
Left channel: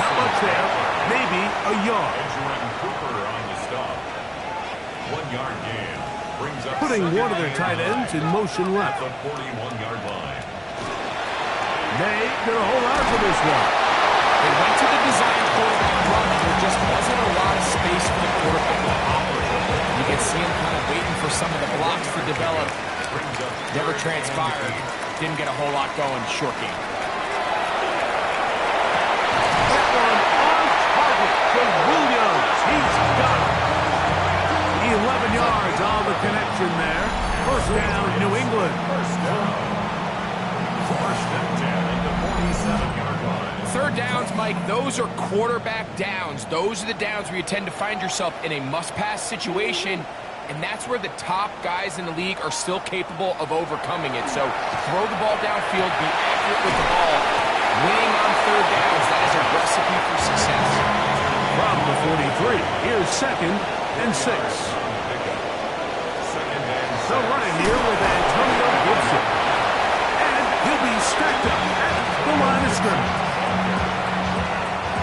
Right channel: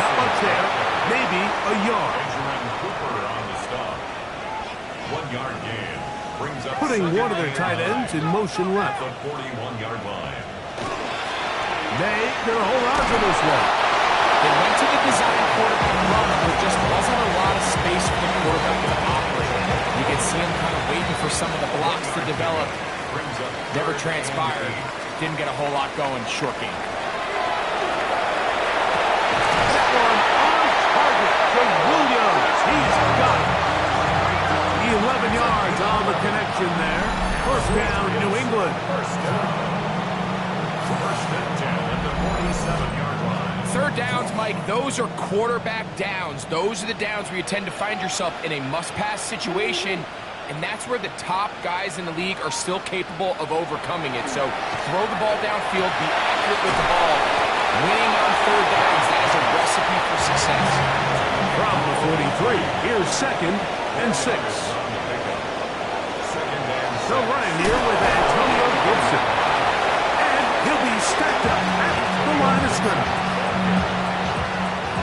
Not much there, maybe a yard. Benjamin Cooper on the stop. 1-yard gain. Brings up Putting one of their tight ends in motion left. The 41-yard line. They gonna hold on to this one. They went to the design quarterback run, and there just wasn't a lot of space for the quarterback to operate. You can see him kind of waiting for some of the blocks to develop. Never transpired. Didn't get a whole lot going. Short game. That one on target to Williams. He's got it. 11 yards on the connection there. 1st down, New England. 1st and 10 at the 47-yard line. 3rd downs, Mike, those are quarterback downs. Those are the downs where you tend to find yourself in a must-pass situation, and that's where the top guys in the league are still capable of overcoming it. So throw the ball downfield, be accurate with the ball. Winning on 3rd downs, that is a recipe for success. From the 43, here's 2nd and 6. They'll run in here with Antonio Gibson. And he'll be stacked up at the line of scrimmage.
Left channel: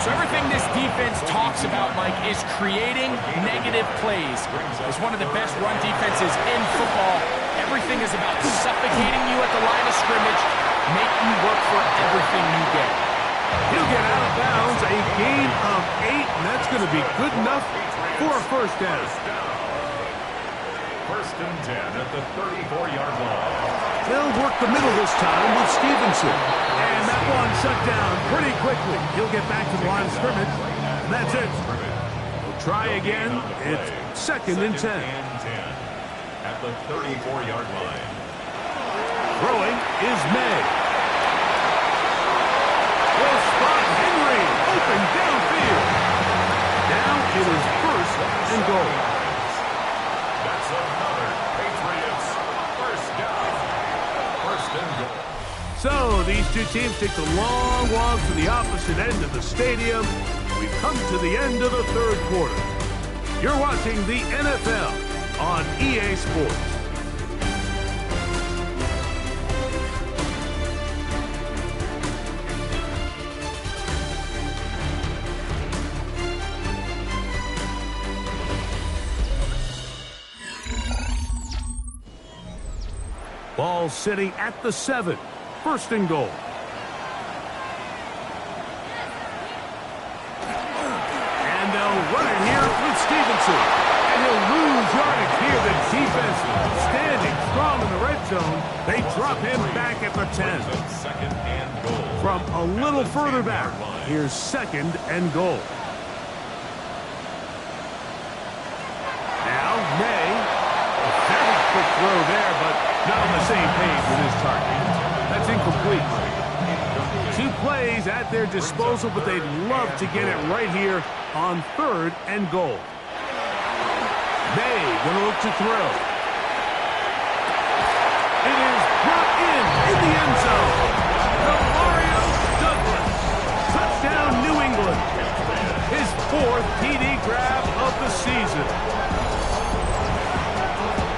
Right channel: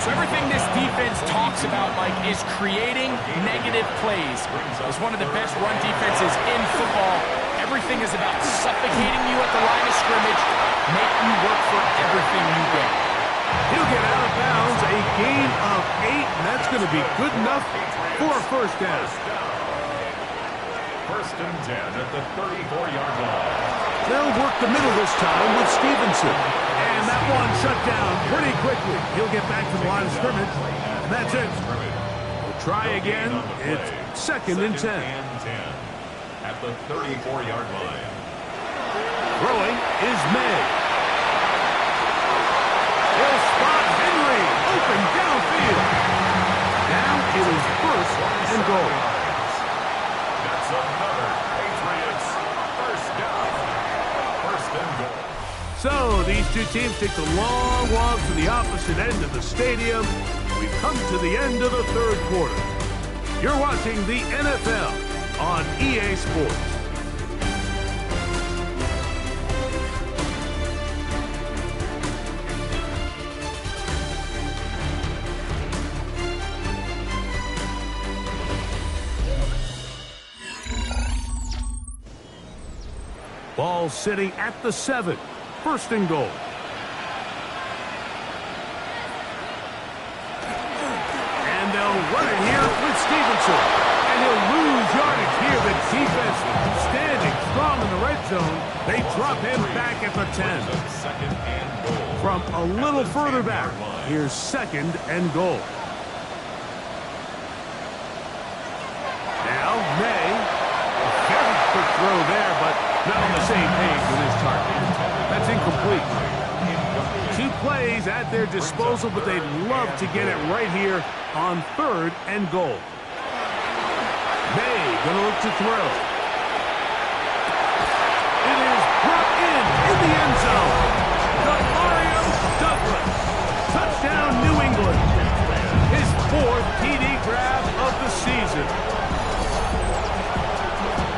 So everything this defense talks about, Mike, is creating negative plays. It's one of the best run defenses in football. Everything is about suffocating you at the line of scrimmage, make you work for everything you get. He'll get out of bounds, a gain of 8, and that's going to be good enough for a 1st down. 1st and 10 at the 34-yard line. They'll work the middle this time with Stevenson. And that one shut down pretty quickly. He'll get back to the line of scrimmage, and that's it. We'll try again. It's 2nd and 10. At the 34-yard line. Throwing is May. He'll spot Henry. Open downfield. Now it is 1st and goal. That's another Patriots 1st down. 1st and goal. So these two teams take the long walk to the opposite end of the stadium. We've come to the end of the 3rd quarter. You're watching the NFL on EA Sports. Ball sitting at the 7. 1st and goal. And they'll run it here with Stevenson. And he'll lose yardage here. The defense standing strong in the red zone. They drop him back at the 10. Second and goal. From a little further back, here's second and goal. Now, May. A very quick throw there, but not on the same page with his target. That's incomplete. 2 plays at their disposal, but they'd love to get it right here on third and goal. May going to look to throw. It is brought in the end zone. Mario Douglas. Touchdown, New England. His 4th TD grab of the season.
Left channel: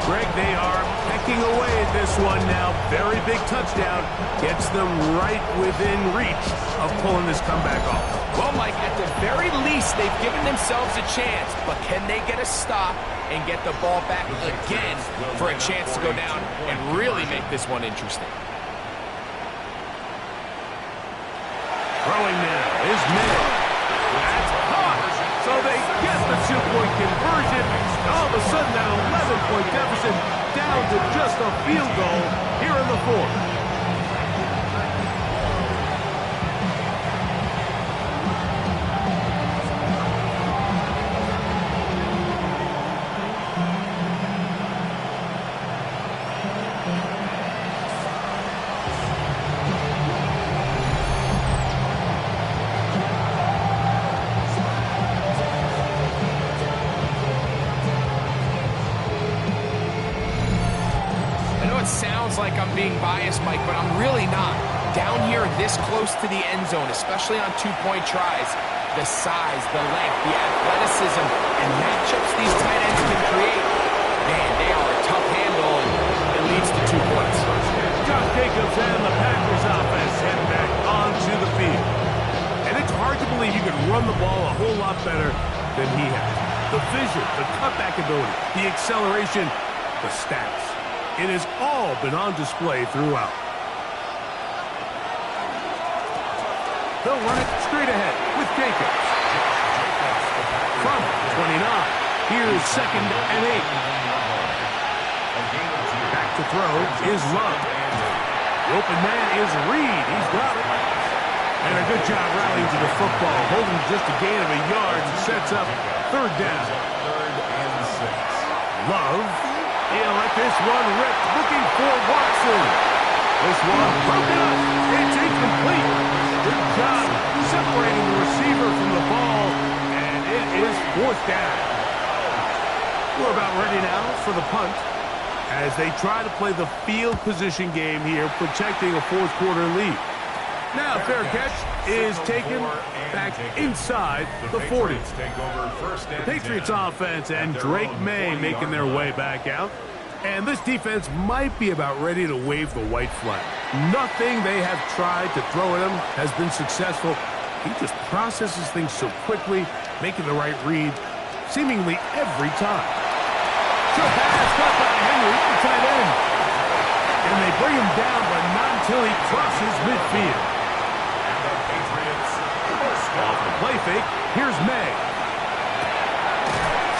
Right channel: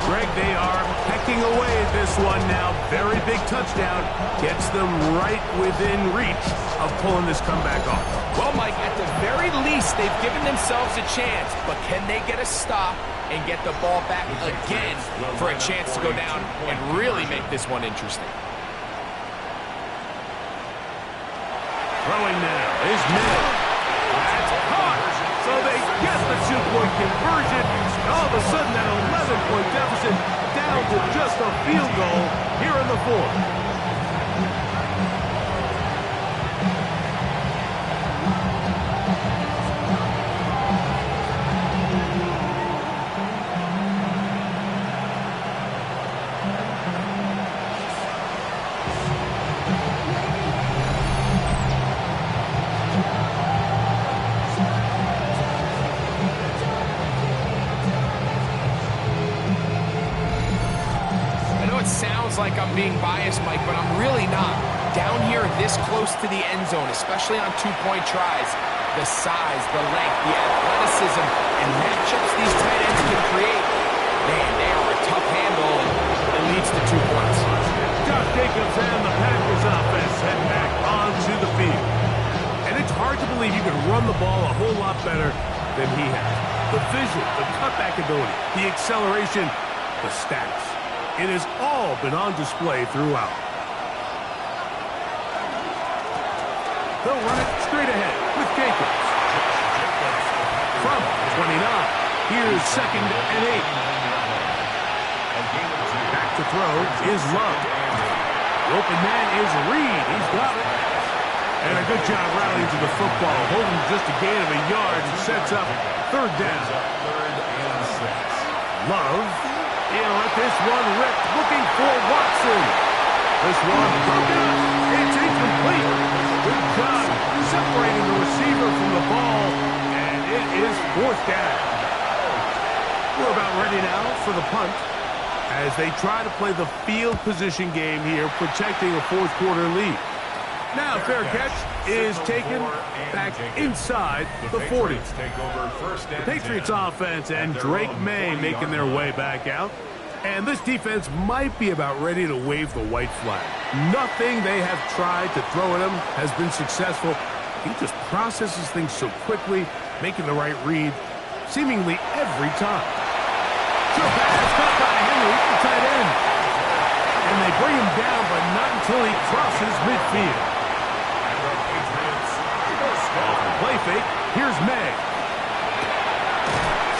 Greg, they are pecking away at this one now. Very big touchdown. Gets them right within reach of pulling this comeback off. Well, Mike, at the very least, they've given themselves a chance. But can they get a stop and get the ball back again for a chance to go down and really make this one interesting? Throwing now is May. That's caught. So they get the 2-point conversion. And all of a sudden, that 11-point deficit down to just a field goal here in the 4th. Sounds like I'm being biased, Mike, but I'm really not. Down here this close to the end zone, especially on 2-point tries, the size, the length, the athleticism, and matchups these tight ends can create, man, they are a tough handle, and it leads to 2 points. Josh Jacobs and the Packers offense head back onto the field. And it's hard to believe you can run the ball a whole lot better than he has. The vision, the cutback ability, the acceleration, the stats. It has all been on display throughout. They'll run it straight ahead with Jacobs. From 29, here's second and 8. Back to throw is Love. The open man is Reed. He's got it. And a good job rallying to the football, holding just a gain of a yard and sets up third down. Love. He'll let this one rip, looking for Watson. This one broken up. It's incomplete. Good job separating the receiver from the ball, and it is 4th down. We're about ready now for the punt as they try to play the field position game here, protecting a 4th quarter lead. Now, fair catch is taken back inside the 40. The Patriots offense and Drake May making their way back out. And this defense might be about ready to wave the white flag. Nothing they have tried to throw at him has been successful. He just processes things so quickly, making the right read seemingly every time. Short pass caught by Henry, the tight end. And they bring him down, but not until he crosses midfield. Off the play fake, here's May.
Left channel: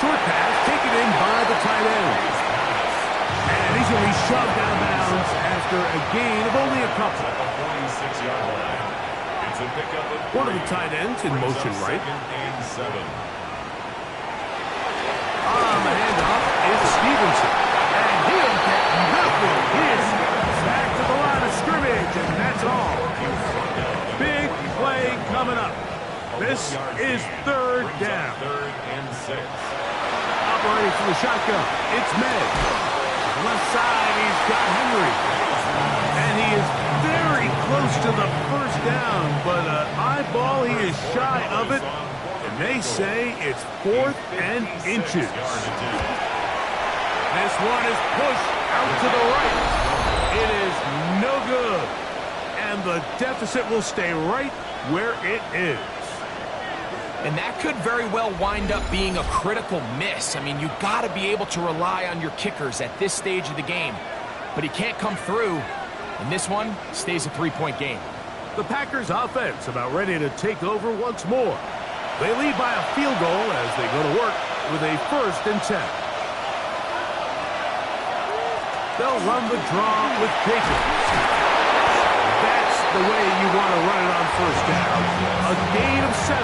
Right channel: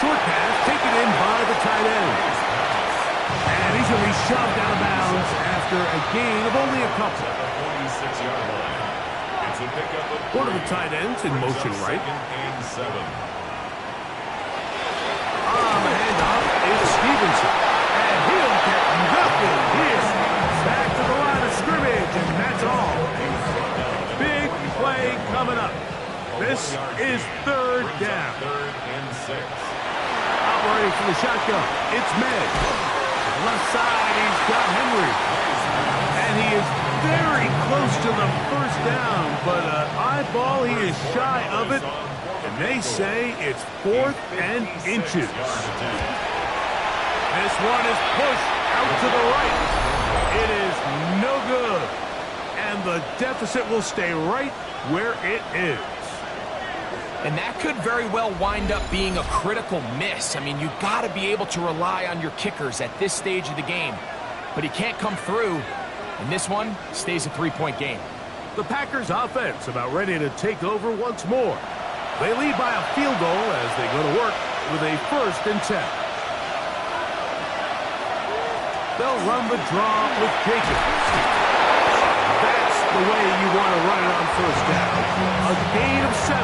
Short pass taken in by the tight end. And he's going to be shoved out of bounds after a gain of only a couple. One of the tight ends in motion right. On the handoff is Stevenson. And he'll get nothing here. Back to the line of scrimmage, and that's all. Big play coming up. This is third down. Operating from the shotgun, it's Meg. Left side, he's got Henry. And he is very close to the first down, but an eyeball, he is shy of it. And they say it's 4th and inches. This one is pushed out to the right. It is no good. And the deficit will stay right where it is. And that could very well wind up being a critical miss. I mean, you've got to be able to rely on your kickers at this stage of the game. But he can't come through, and this one stays a 3-point game. The Packers offense about ready to take over once more. They lead by a field goal as they go to work with a 1st and 10. They'll run the draw with Jacobs. That's the way you want to run it on 1st down. A gain of 7.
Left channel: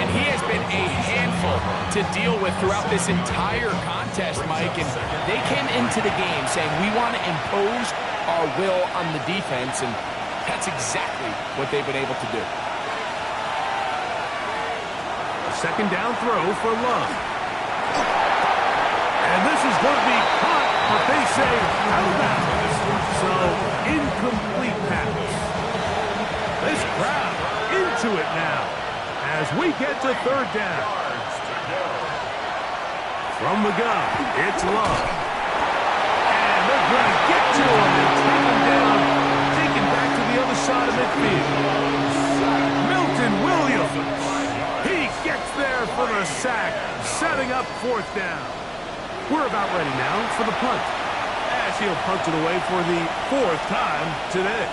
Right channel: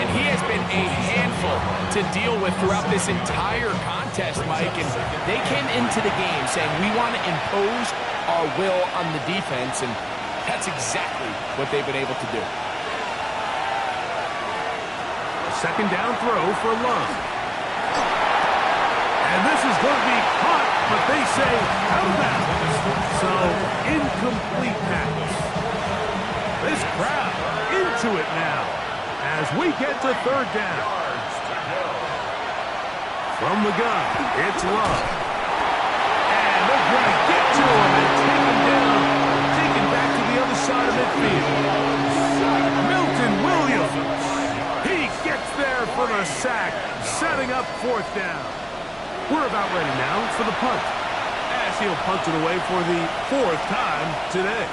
And he has been a handful to deal with throughout this entire contest, Mike. And they came into the game saying, we want to impose our will on the defense. And that's exactly what they've been able to do. A 2nd down throw for Love. And this is going to be caught, but they say out of bounds. So, incomplete pass. This crowd into it now as we get to 3rd down. From the gun, it's Love. And they're going to get to him and take him down, taken back to the other side of midfield. Milton Williams. He gets there for the sack, setting up 4th down. We're about ready now for the punt, as he'll punt it away for the 4th time today.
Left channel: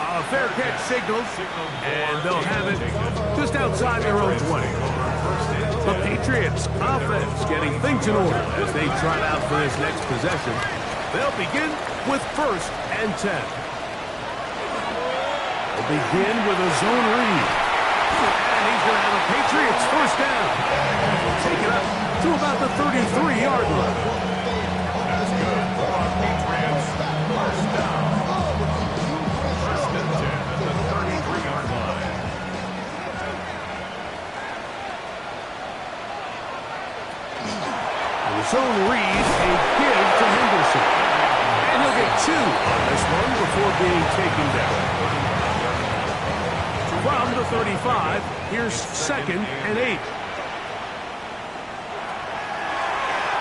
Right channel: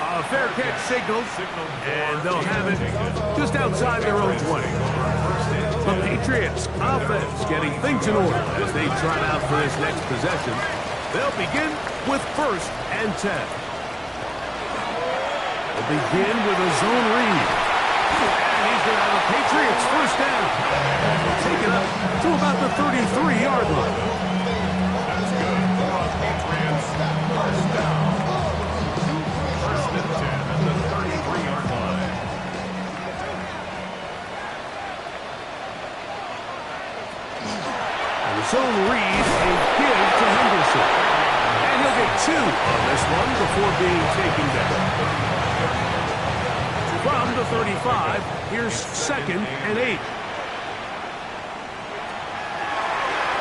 A fair catch signaled, and they'll have it just outside their own 20. The Patriots offense getting things in order as they trot out for this next possession. They'll begin with 1st and 10. They'll begin with a zone read. And he's going to have a Patriots 1st down. Take it up to about the 33-yard line. That's good for a Patriots 1st down. 1st and 10 at the 33-yard line. The zone read, a give to Henderson. And he'll get 2 on this one before being taken down. From the 35, here's 2nd and 8.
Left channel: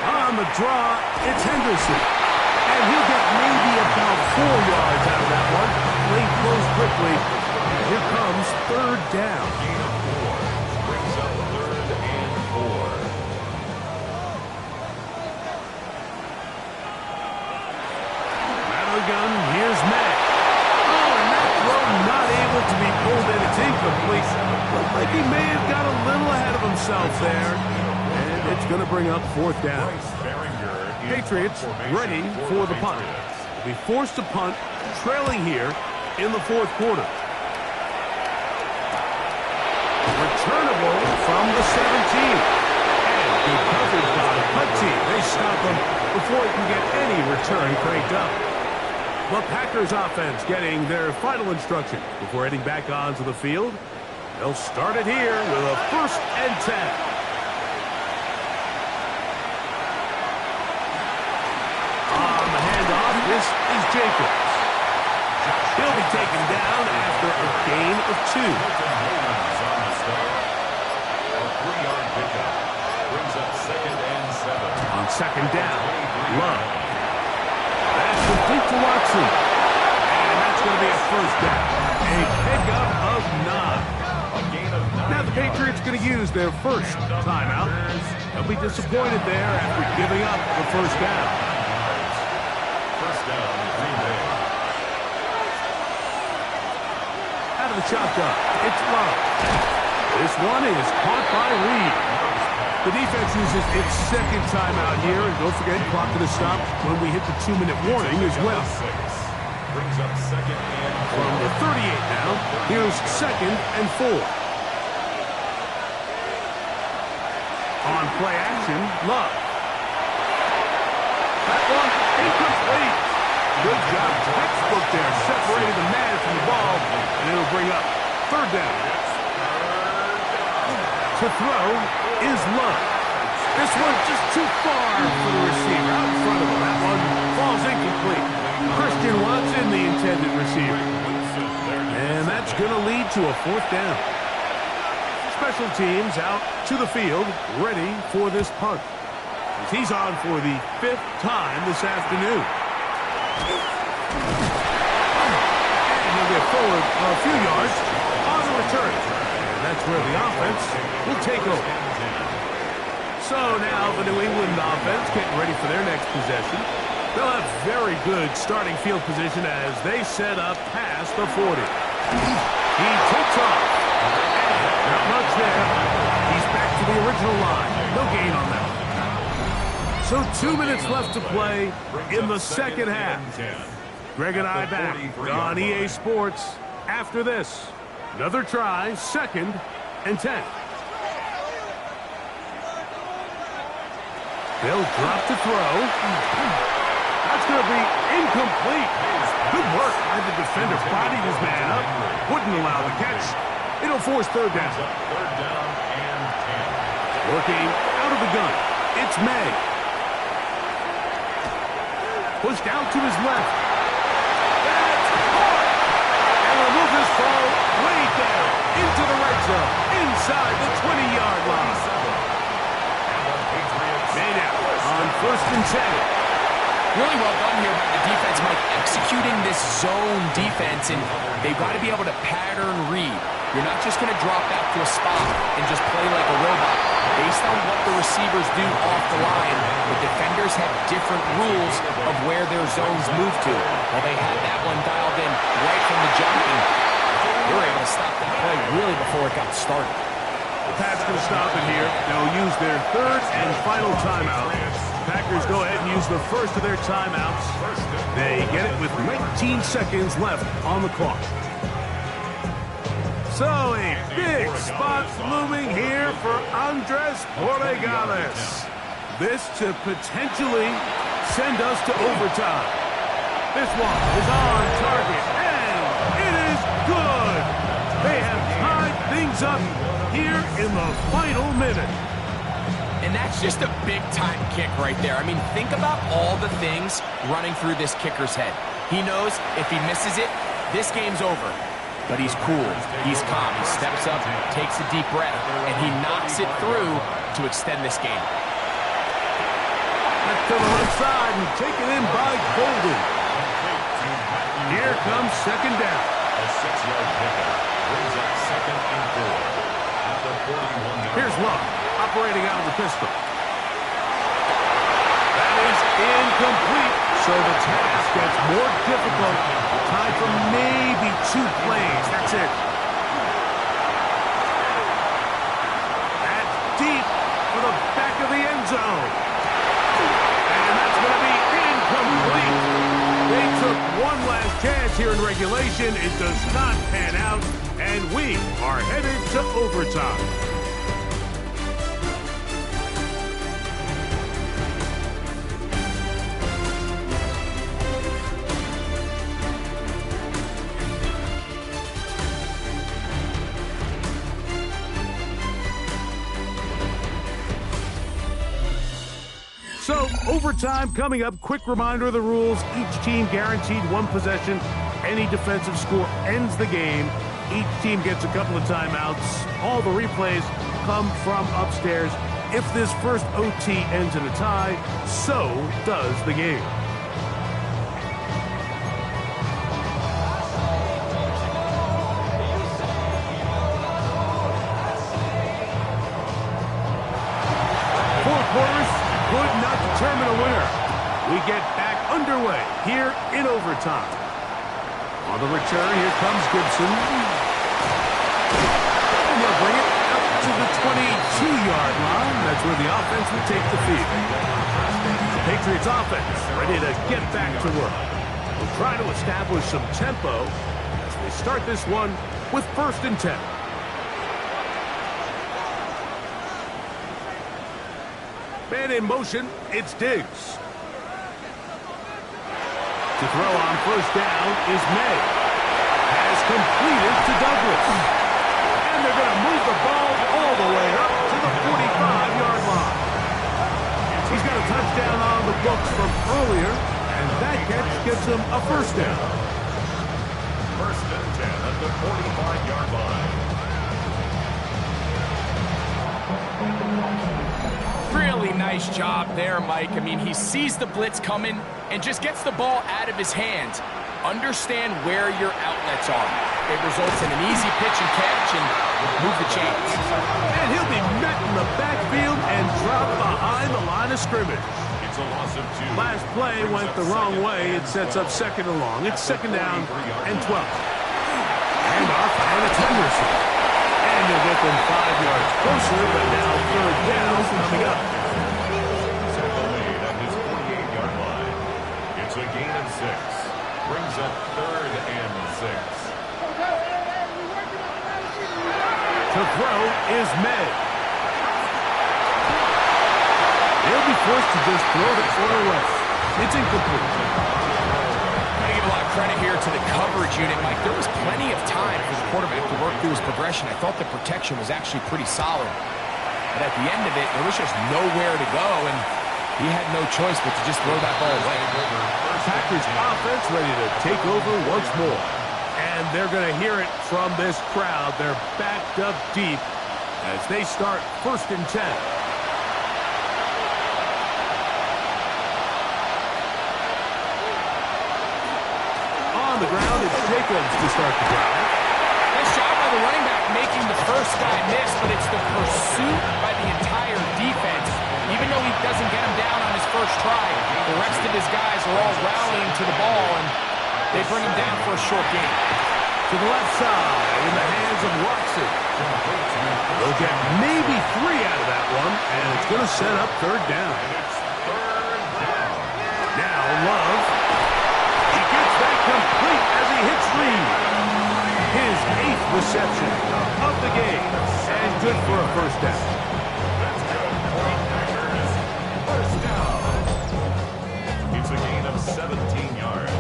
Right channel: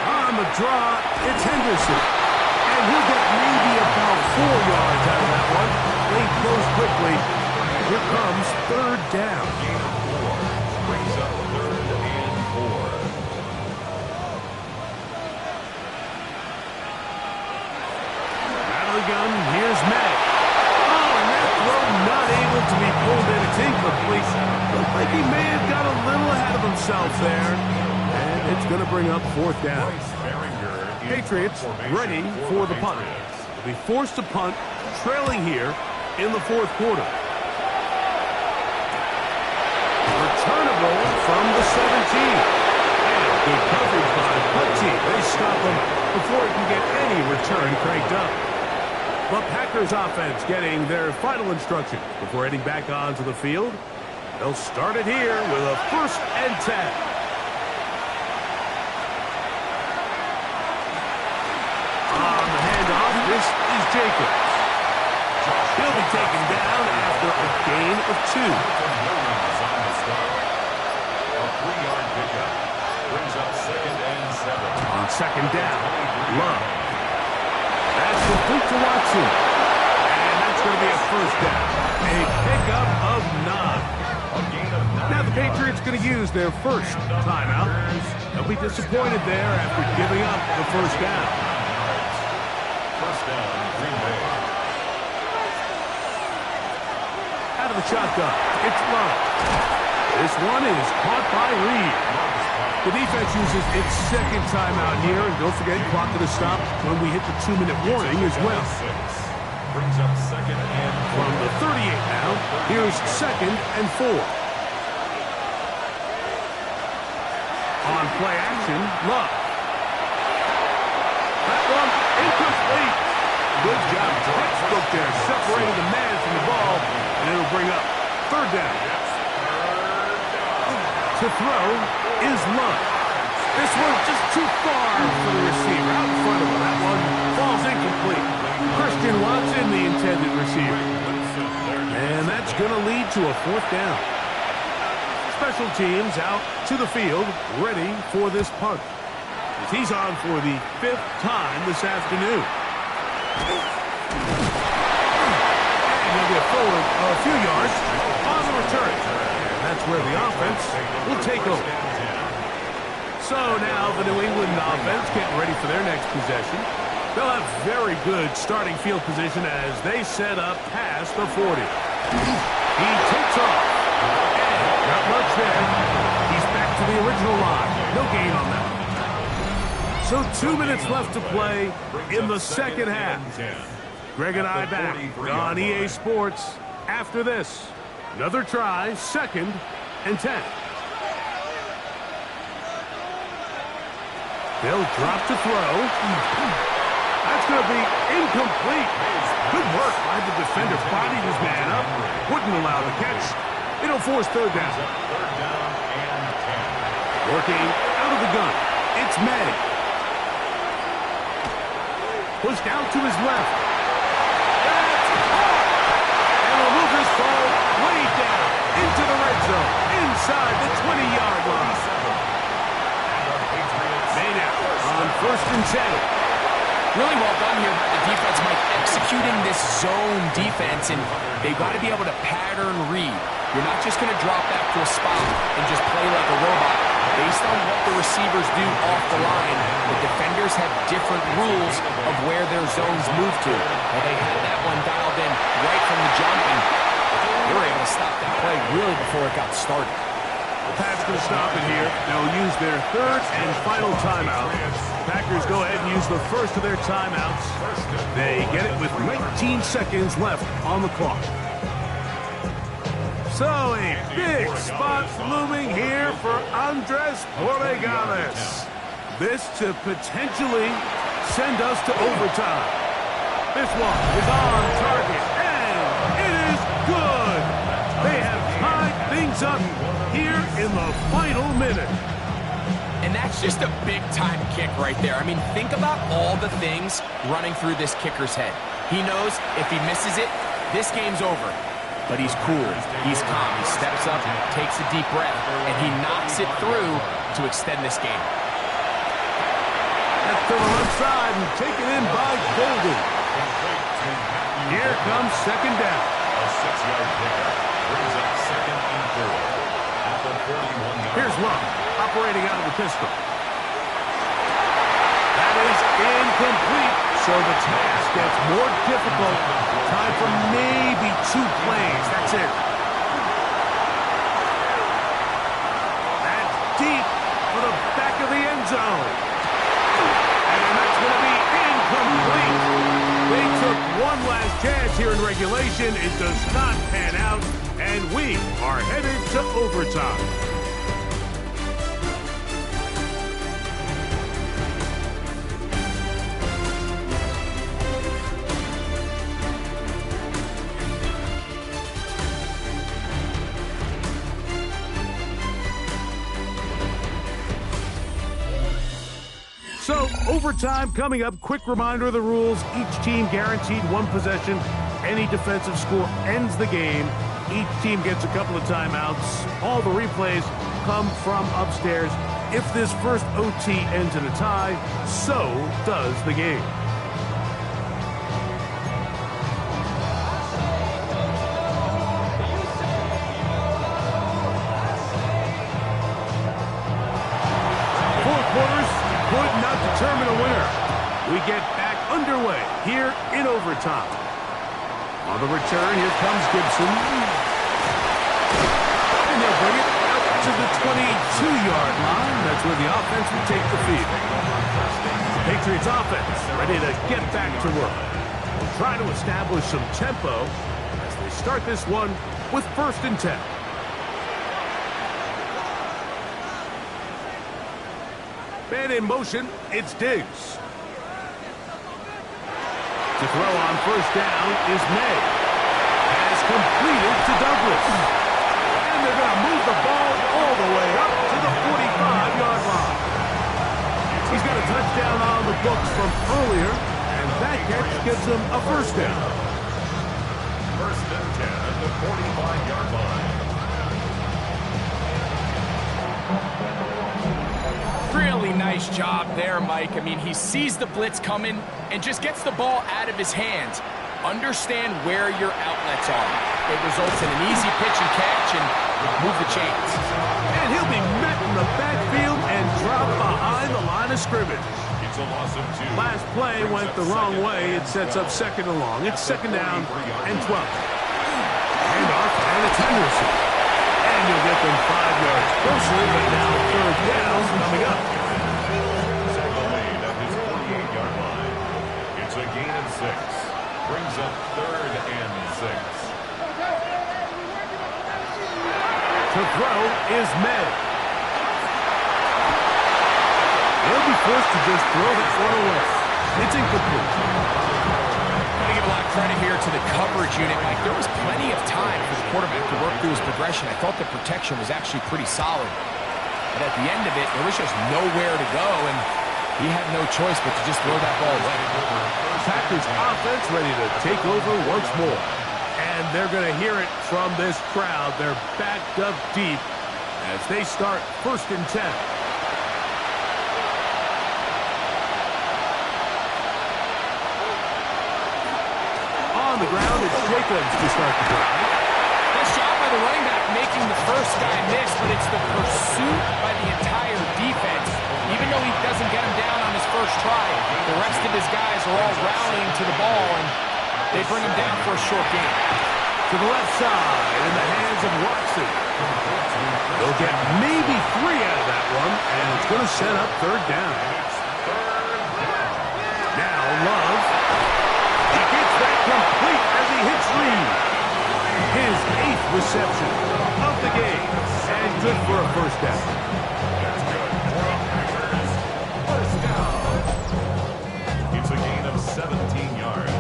On the draw, it's Henderson. And he'll get maybe about 4 yards out of that one. Lane closed quickly. Here comes 3rd down. Gain of 4 brings up 3rd and 4. Out of the gun, here's May. Oh, and that throw not able to be pulled in. It's incomplete. Looked like he may have got a little ahead of himself there. And it's going to bring up 4th down. Patriots ready for the punt. Will be forced to punt, trailing here in the 4th quarter. Returnable from the 17. And good coverage by the punt team. They stop him before he can get any return cranked up. The Packers offense getting their final instructions before heading back onto the field. They'll start it here with a 1st and 10. On the handoff, this is Jacobs. He'll be taken down after a gain of 2. Williams on the stop. A 3-yard pickup brings up 2nd and 7. On 2nd down, Love. That's complete to Watson. And that's going to be a 1st down. A pickup of 9. A gain of 9. Now the Patriots going to use their 1st timeout. They'll be disappointed there after giving up the 1st down. 1st down, Green Bay. Out of the shotgun, it's Love. This one is caught by Reed. The defense uses its 2nd timeout here, and don't forget, clock to the stop when we hit the 2-minute warning as well. Brings up 2nd and 4. From the 38 now, here's 2nd and 4. On play action, Love. That one incomplete. Good job, textbook there, separating the man from the ball, and it'll bring up 3rd down. To throw is Love. This one's just too far for the receiver. Out in front of him. That one falls incomplete. Christian Watson, the intended receiver. And that's going to lead to a 4th down. Special teams out to the field, ready for this punt. As he's on for the 5th time this afternoon. And he'll get forward a few yards on the return. That's where the offense will take over. So now the New England offense getting ready for their next possession. They'll have very good starting field position as they set up past the 40. He takes off. And there. He's back to the original line. No gain on that. So 2 minutes left to play in the second half. Greg and I back on EA Sports after this. Another try, 2nd and 10. They'll drop to throw. That's going to be incomplete. Good work by the defender. Bodied his man up. Wouldn't allow the catch. It'll force 3rd down. 3rd down and 10. Working out of the gun. It's May. Pushed out to his left. That's caught. And will move his ball way down into the red zone. Inside the 20-yard line. May now on 1st and 10. Really well done here by the defense, Mike, executing this zone defense, and they've got to be able to pattern read. You're not just going to drop back to a spot and just play like a robot. Based on what the receivers do off the line, the defenders have different rules of where their zones move to. Well, they had that one dialed in right from the jump, and they were able to stop that play really before it got started. The Pats going to stop it here. They'll use their 3rd and final timeout. Packers go ahead and use the first of their timeouts. They get it with 19 seconds left on the clock. So a big spot looming here for Andres Borregales. This to potentially send us to overtime. This one is on target, and it is good. They have tied things up here in the final minute. And that's just a big-time kick right there. I mean, think about all the things running through this kicker's head. He knows if he misses it, this game's over. But he's cool. He's calm. He steps up, takes a deep breath, and he knocks it through to extend this game. That's to the left side and taken in by Golden. Here comes 2nd down. A 6-yard pickup brings up 2nd and 4 at the 41-yard. Here's Love operating out of the pistol. That is incomplete, so the task gets more difficult. Time for maybe 2 plays. That's it. That's deep for the back of the end zone. And that's going to be incomplete. They took one last chance here in regulation. It does not pan out, and we are headed to overtime. So, overtime coming up. Quick reminder of the rules. Each team guaranteed 1 possession. Any defensive score ends the game. Each team gets a couple of timeouts. All the replays come from upstairs. If this first OT ends in a tie, so does the game. Four quarters could not determine a winner. We get back underway here in overtime. On the return, here comes Gibson. And they'll bring it out to the 22-yard line. That's where the offense will take the field. Patriots offense ready to get back to work. We'll try to establish some tempo as they start this one with 1st and 10. Man in motion, it's Diggs. To throw on 1st down is May. Has completed to Douglas. And they're going to move the ball all the way up to the 45-yard line. He's got a touchdown on the books from earlier, and that catch gives him a 1st down. 1st and 10 at the 45-yard line. Really nice job there, Mike. I mean, he sees the blitz coming and just gets the ball out of his hands. Understand where your outlets are. It results in an easy pitch and catch and move the chains. And he'll be met in the backfield and dropped behind the line of scrimmage. It's a loss of 2. Last play went the wrong way. It sets up 2nd and long. It's 2nd down and 12. Handoff, and it's Henderson. And he'll get them 5 yards closer, but now third down coming up. Tackle made at his 48-yard line. It's a gain of 6. Brings up 3rd and 6. To throw is May. They'll be forced to just throw that one away. It's incomplete. Got to give a lot of credit here to the coverage unit, Mike. There was plenty of time for the quarterback to work through his progression. I thought the protection was actually pretty solid. But at the end of it, there was just nowhere to go, and he had no choice but to just throw that ball away. Packers offense ready to take over once more. And they're going to hear it from this crowd. They're backed up deep as they start 1st and 10. On the ground, it's Jacobs to start the drive. Nice job by the running back making the first guy miss, but it's the pursuit by the entire defense. Even though he doesn't get him down on his first try, the rest of his guys are all rallying to the ball, and they bring him down for a short gain. To the left side in the hands of Watson. They'll get maybe 3 out of that one, and it's going to set up 3rd down. Now Love. He gets that complete as he hits Reed. His 8th reception of the game, and good for a 1st down. That's good for the Packers. 1st down. It's a gain of 17 yards.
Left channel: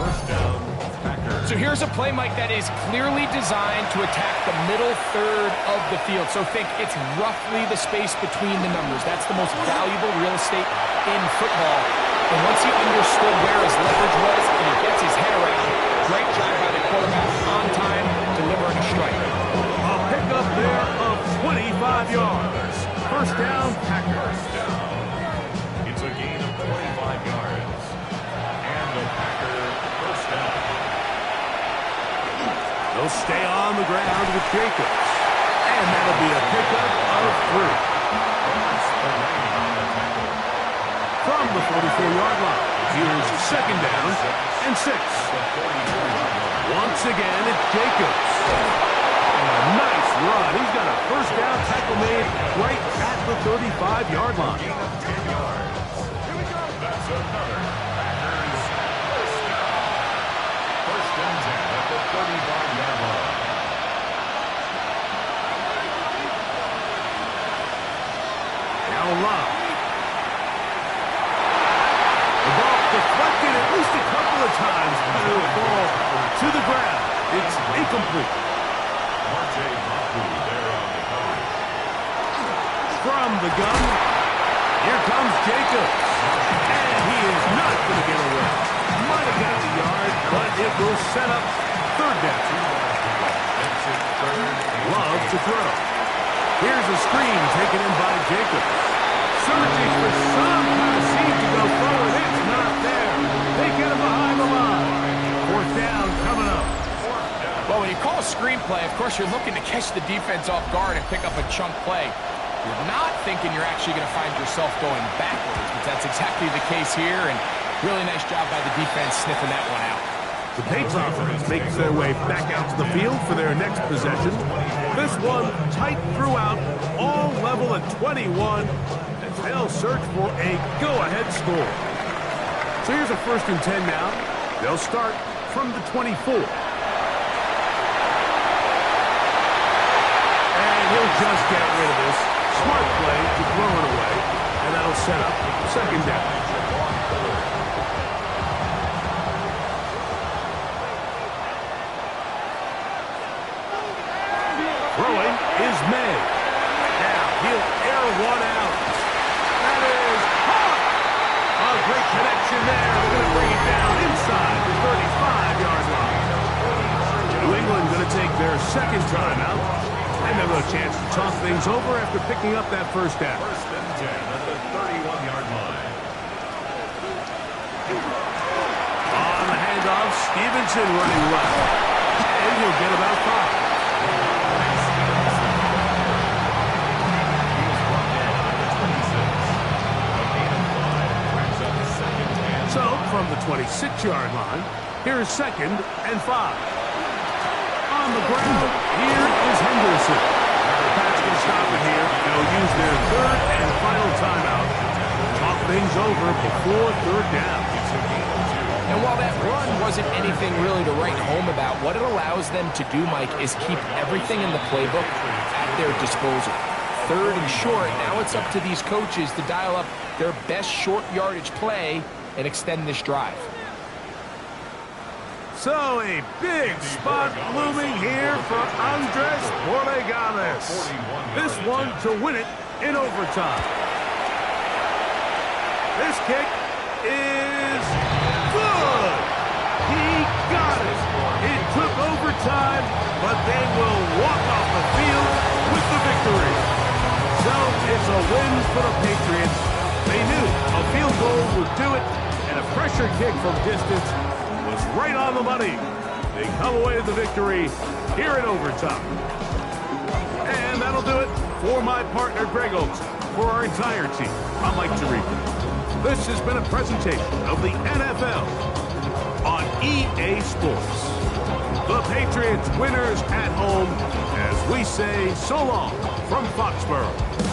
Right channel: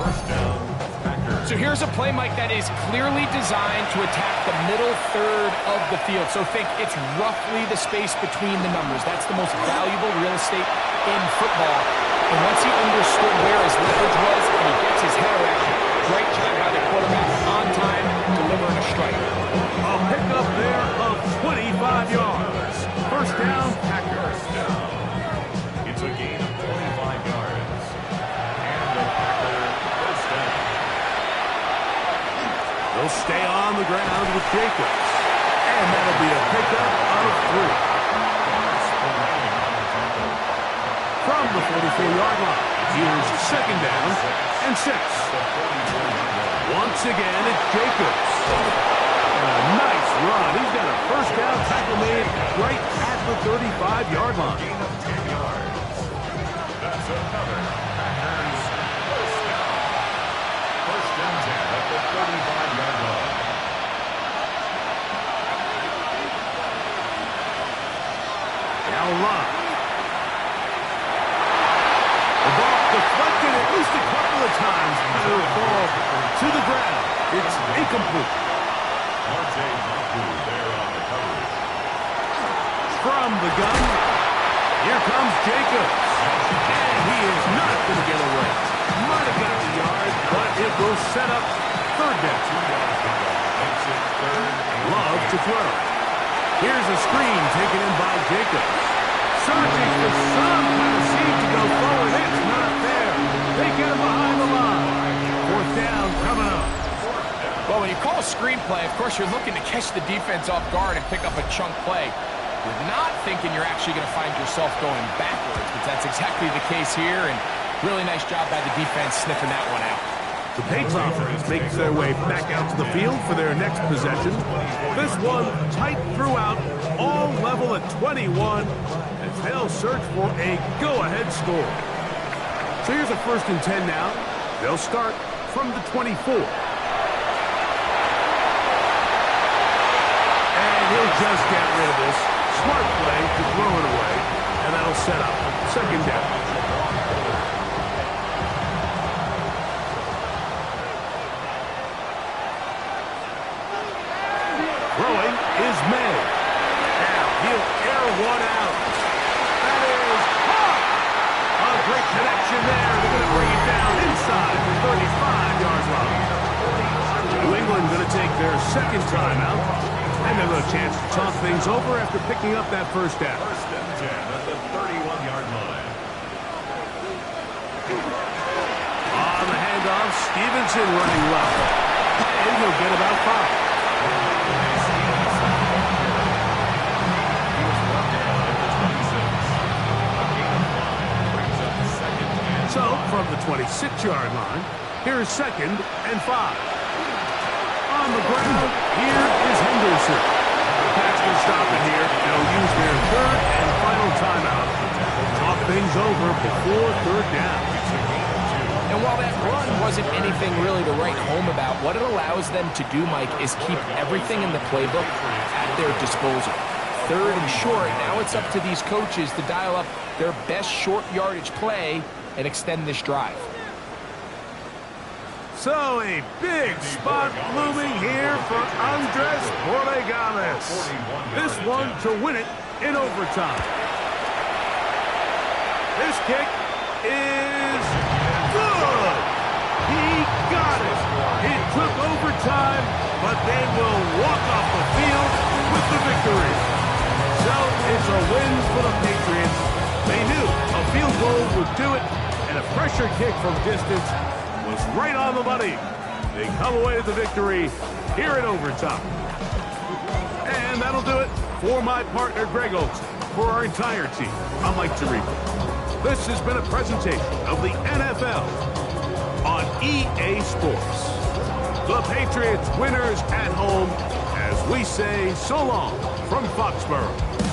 1st down, Packers. So here's a play, Mike, that is clearly designed to attack the middle third of the field. So think it's roughly the space between the numbers. That's the most valuable real estate in football. And once he understood where his leverage was and he gets his head around, great job by the quarterback on time, delivering a strike. A pickup there of 25 yards. 1st down, Packers. It's a gain of 25 yards. And a Packer 1st down. They'll stay on the ground with Jacobs. And that'll be a pickup of 3. From the 44-yard line, here's 2nd down and 6. Once again, it's Jacobs. And a nice run. He's got a 1st down tackle made right at the 35-yard line. Gain of 10 yards. That's another Packers 1st down. 1st and 10 at the 35-yard line. Now Love. The ball deflected at least a couple of times, but it'll fall to the ground. It's incomplete. Marte Mapu there on the coverage. From the gun, here comes Jacobs. And he is not going to get away. Might have got the yard, but it will set up 3rd down. Makes it 3rd and Love to throw. Here's a screen taken in by Jacobs. Searching for some kind of seam to go forward. It's not there. They get him behind the line. 4th down coming up. Well, when you call a screenplay, of course, you're looking to catch the defense off guard and pick up a chunk play. You're not thinking you're actually going to find yourself going backwards, but that's exactly the case here, and really nice job by the defense sniffing that one out. The Patriots offense makes their way back out to the field for their next possession. This one tight throughout, all level at 21, as they'll search for a go-ahead score. So here's a 1st and 10 now. They'll start from the 24. And he'll just get rid of this. Smart play to throw it away, and that'll set up 2nd down. Throwing is May. Now he'll air one out. That is caught. A great connection there. They're going to bring it down inside the 35-yard line. New England going to take their 2nd timeout. And they'll have a chance to talk things over after picking up that 1st down. 1st and 10 at the 31-yard line. On the handoff, Stevenson running left. And he'll get about 5. So, from the 26-yard line, here is 2nd and 5. On on the ground. Here is Henderson. The Pats can stop it here. They'll use their third and final timeout. Talk things over before third down. And while that run wasn't anything really to write home about, what it allows them to do, Mike, is keep everything in the playbook at their disposal. Third and short, now it's up to these coaches to dial up their best short yardage play and extend this drive. So a big spot looming here for Andres Borregales. This one to win it in overtime. This kick is good. He got it. It took overtime, but they will walk off the field with the victory. So it's a win for the Patriots. They knew a field goal would do it, and a pressure kick from distance was right on the money. They come away with the victory here in overtime. And that'll do it for my partner, Greg Olsen. For our entire team, I'm Mike Tirico. This has been a presentation of the NFL on EA Sports. The Patriots winners at home as we say so long from Foxborough.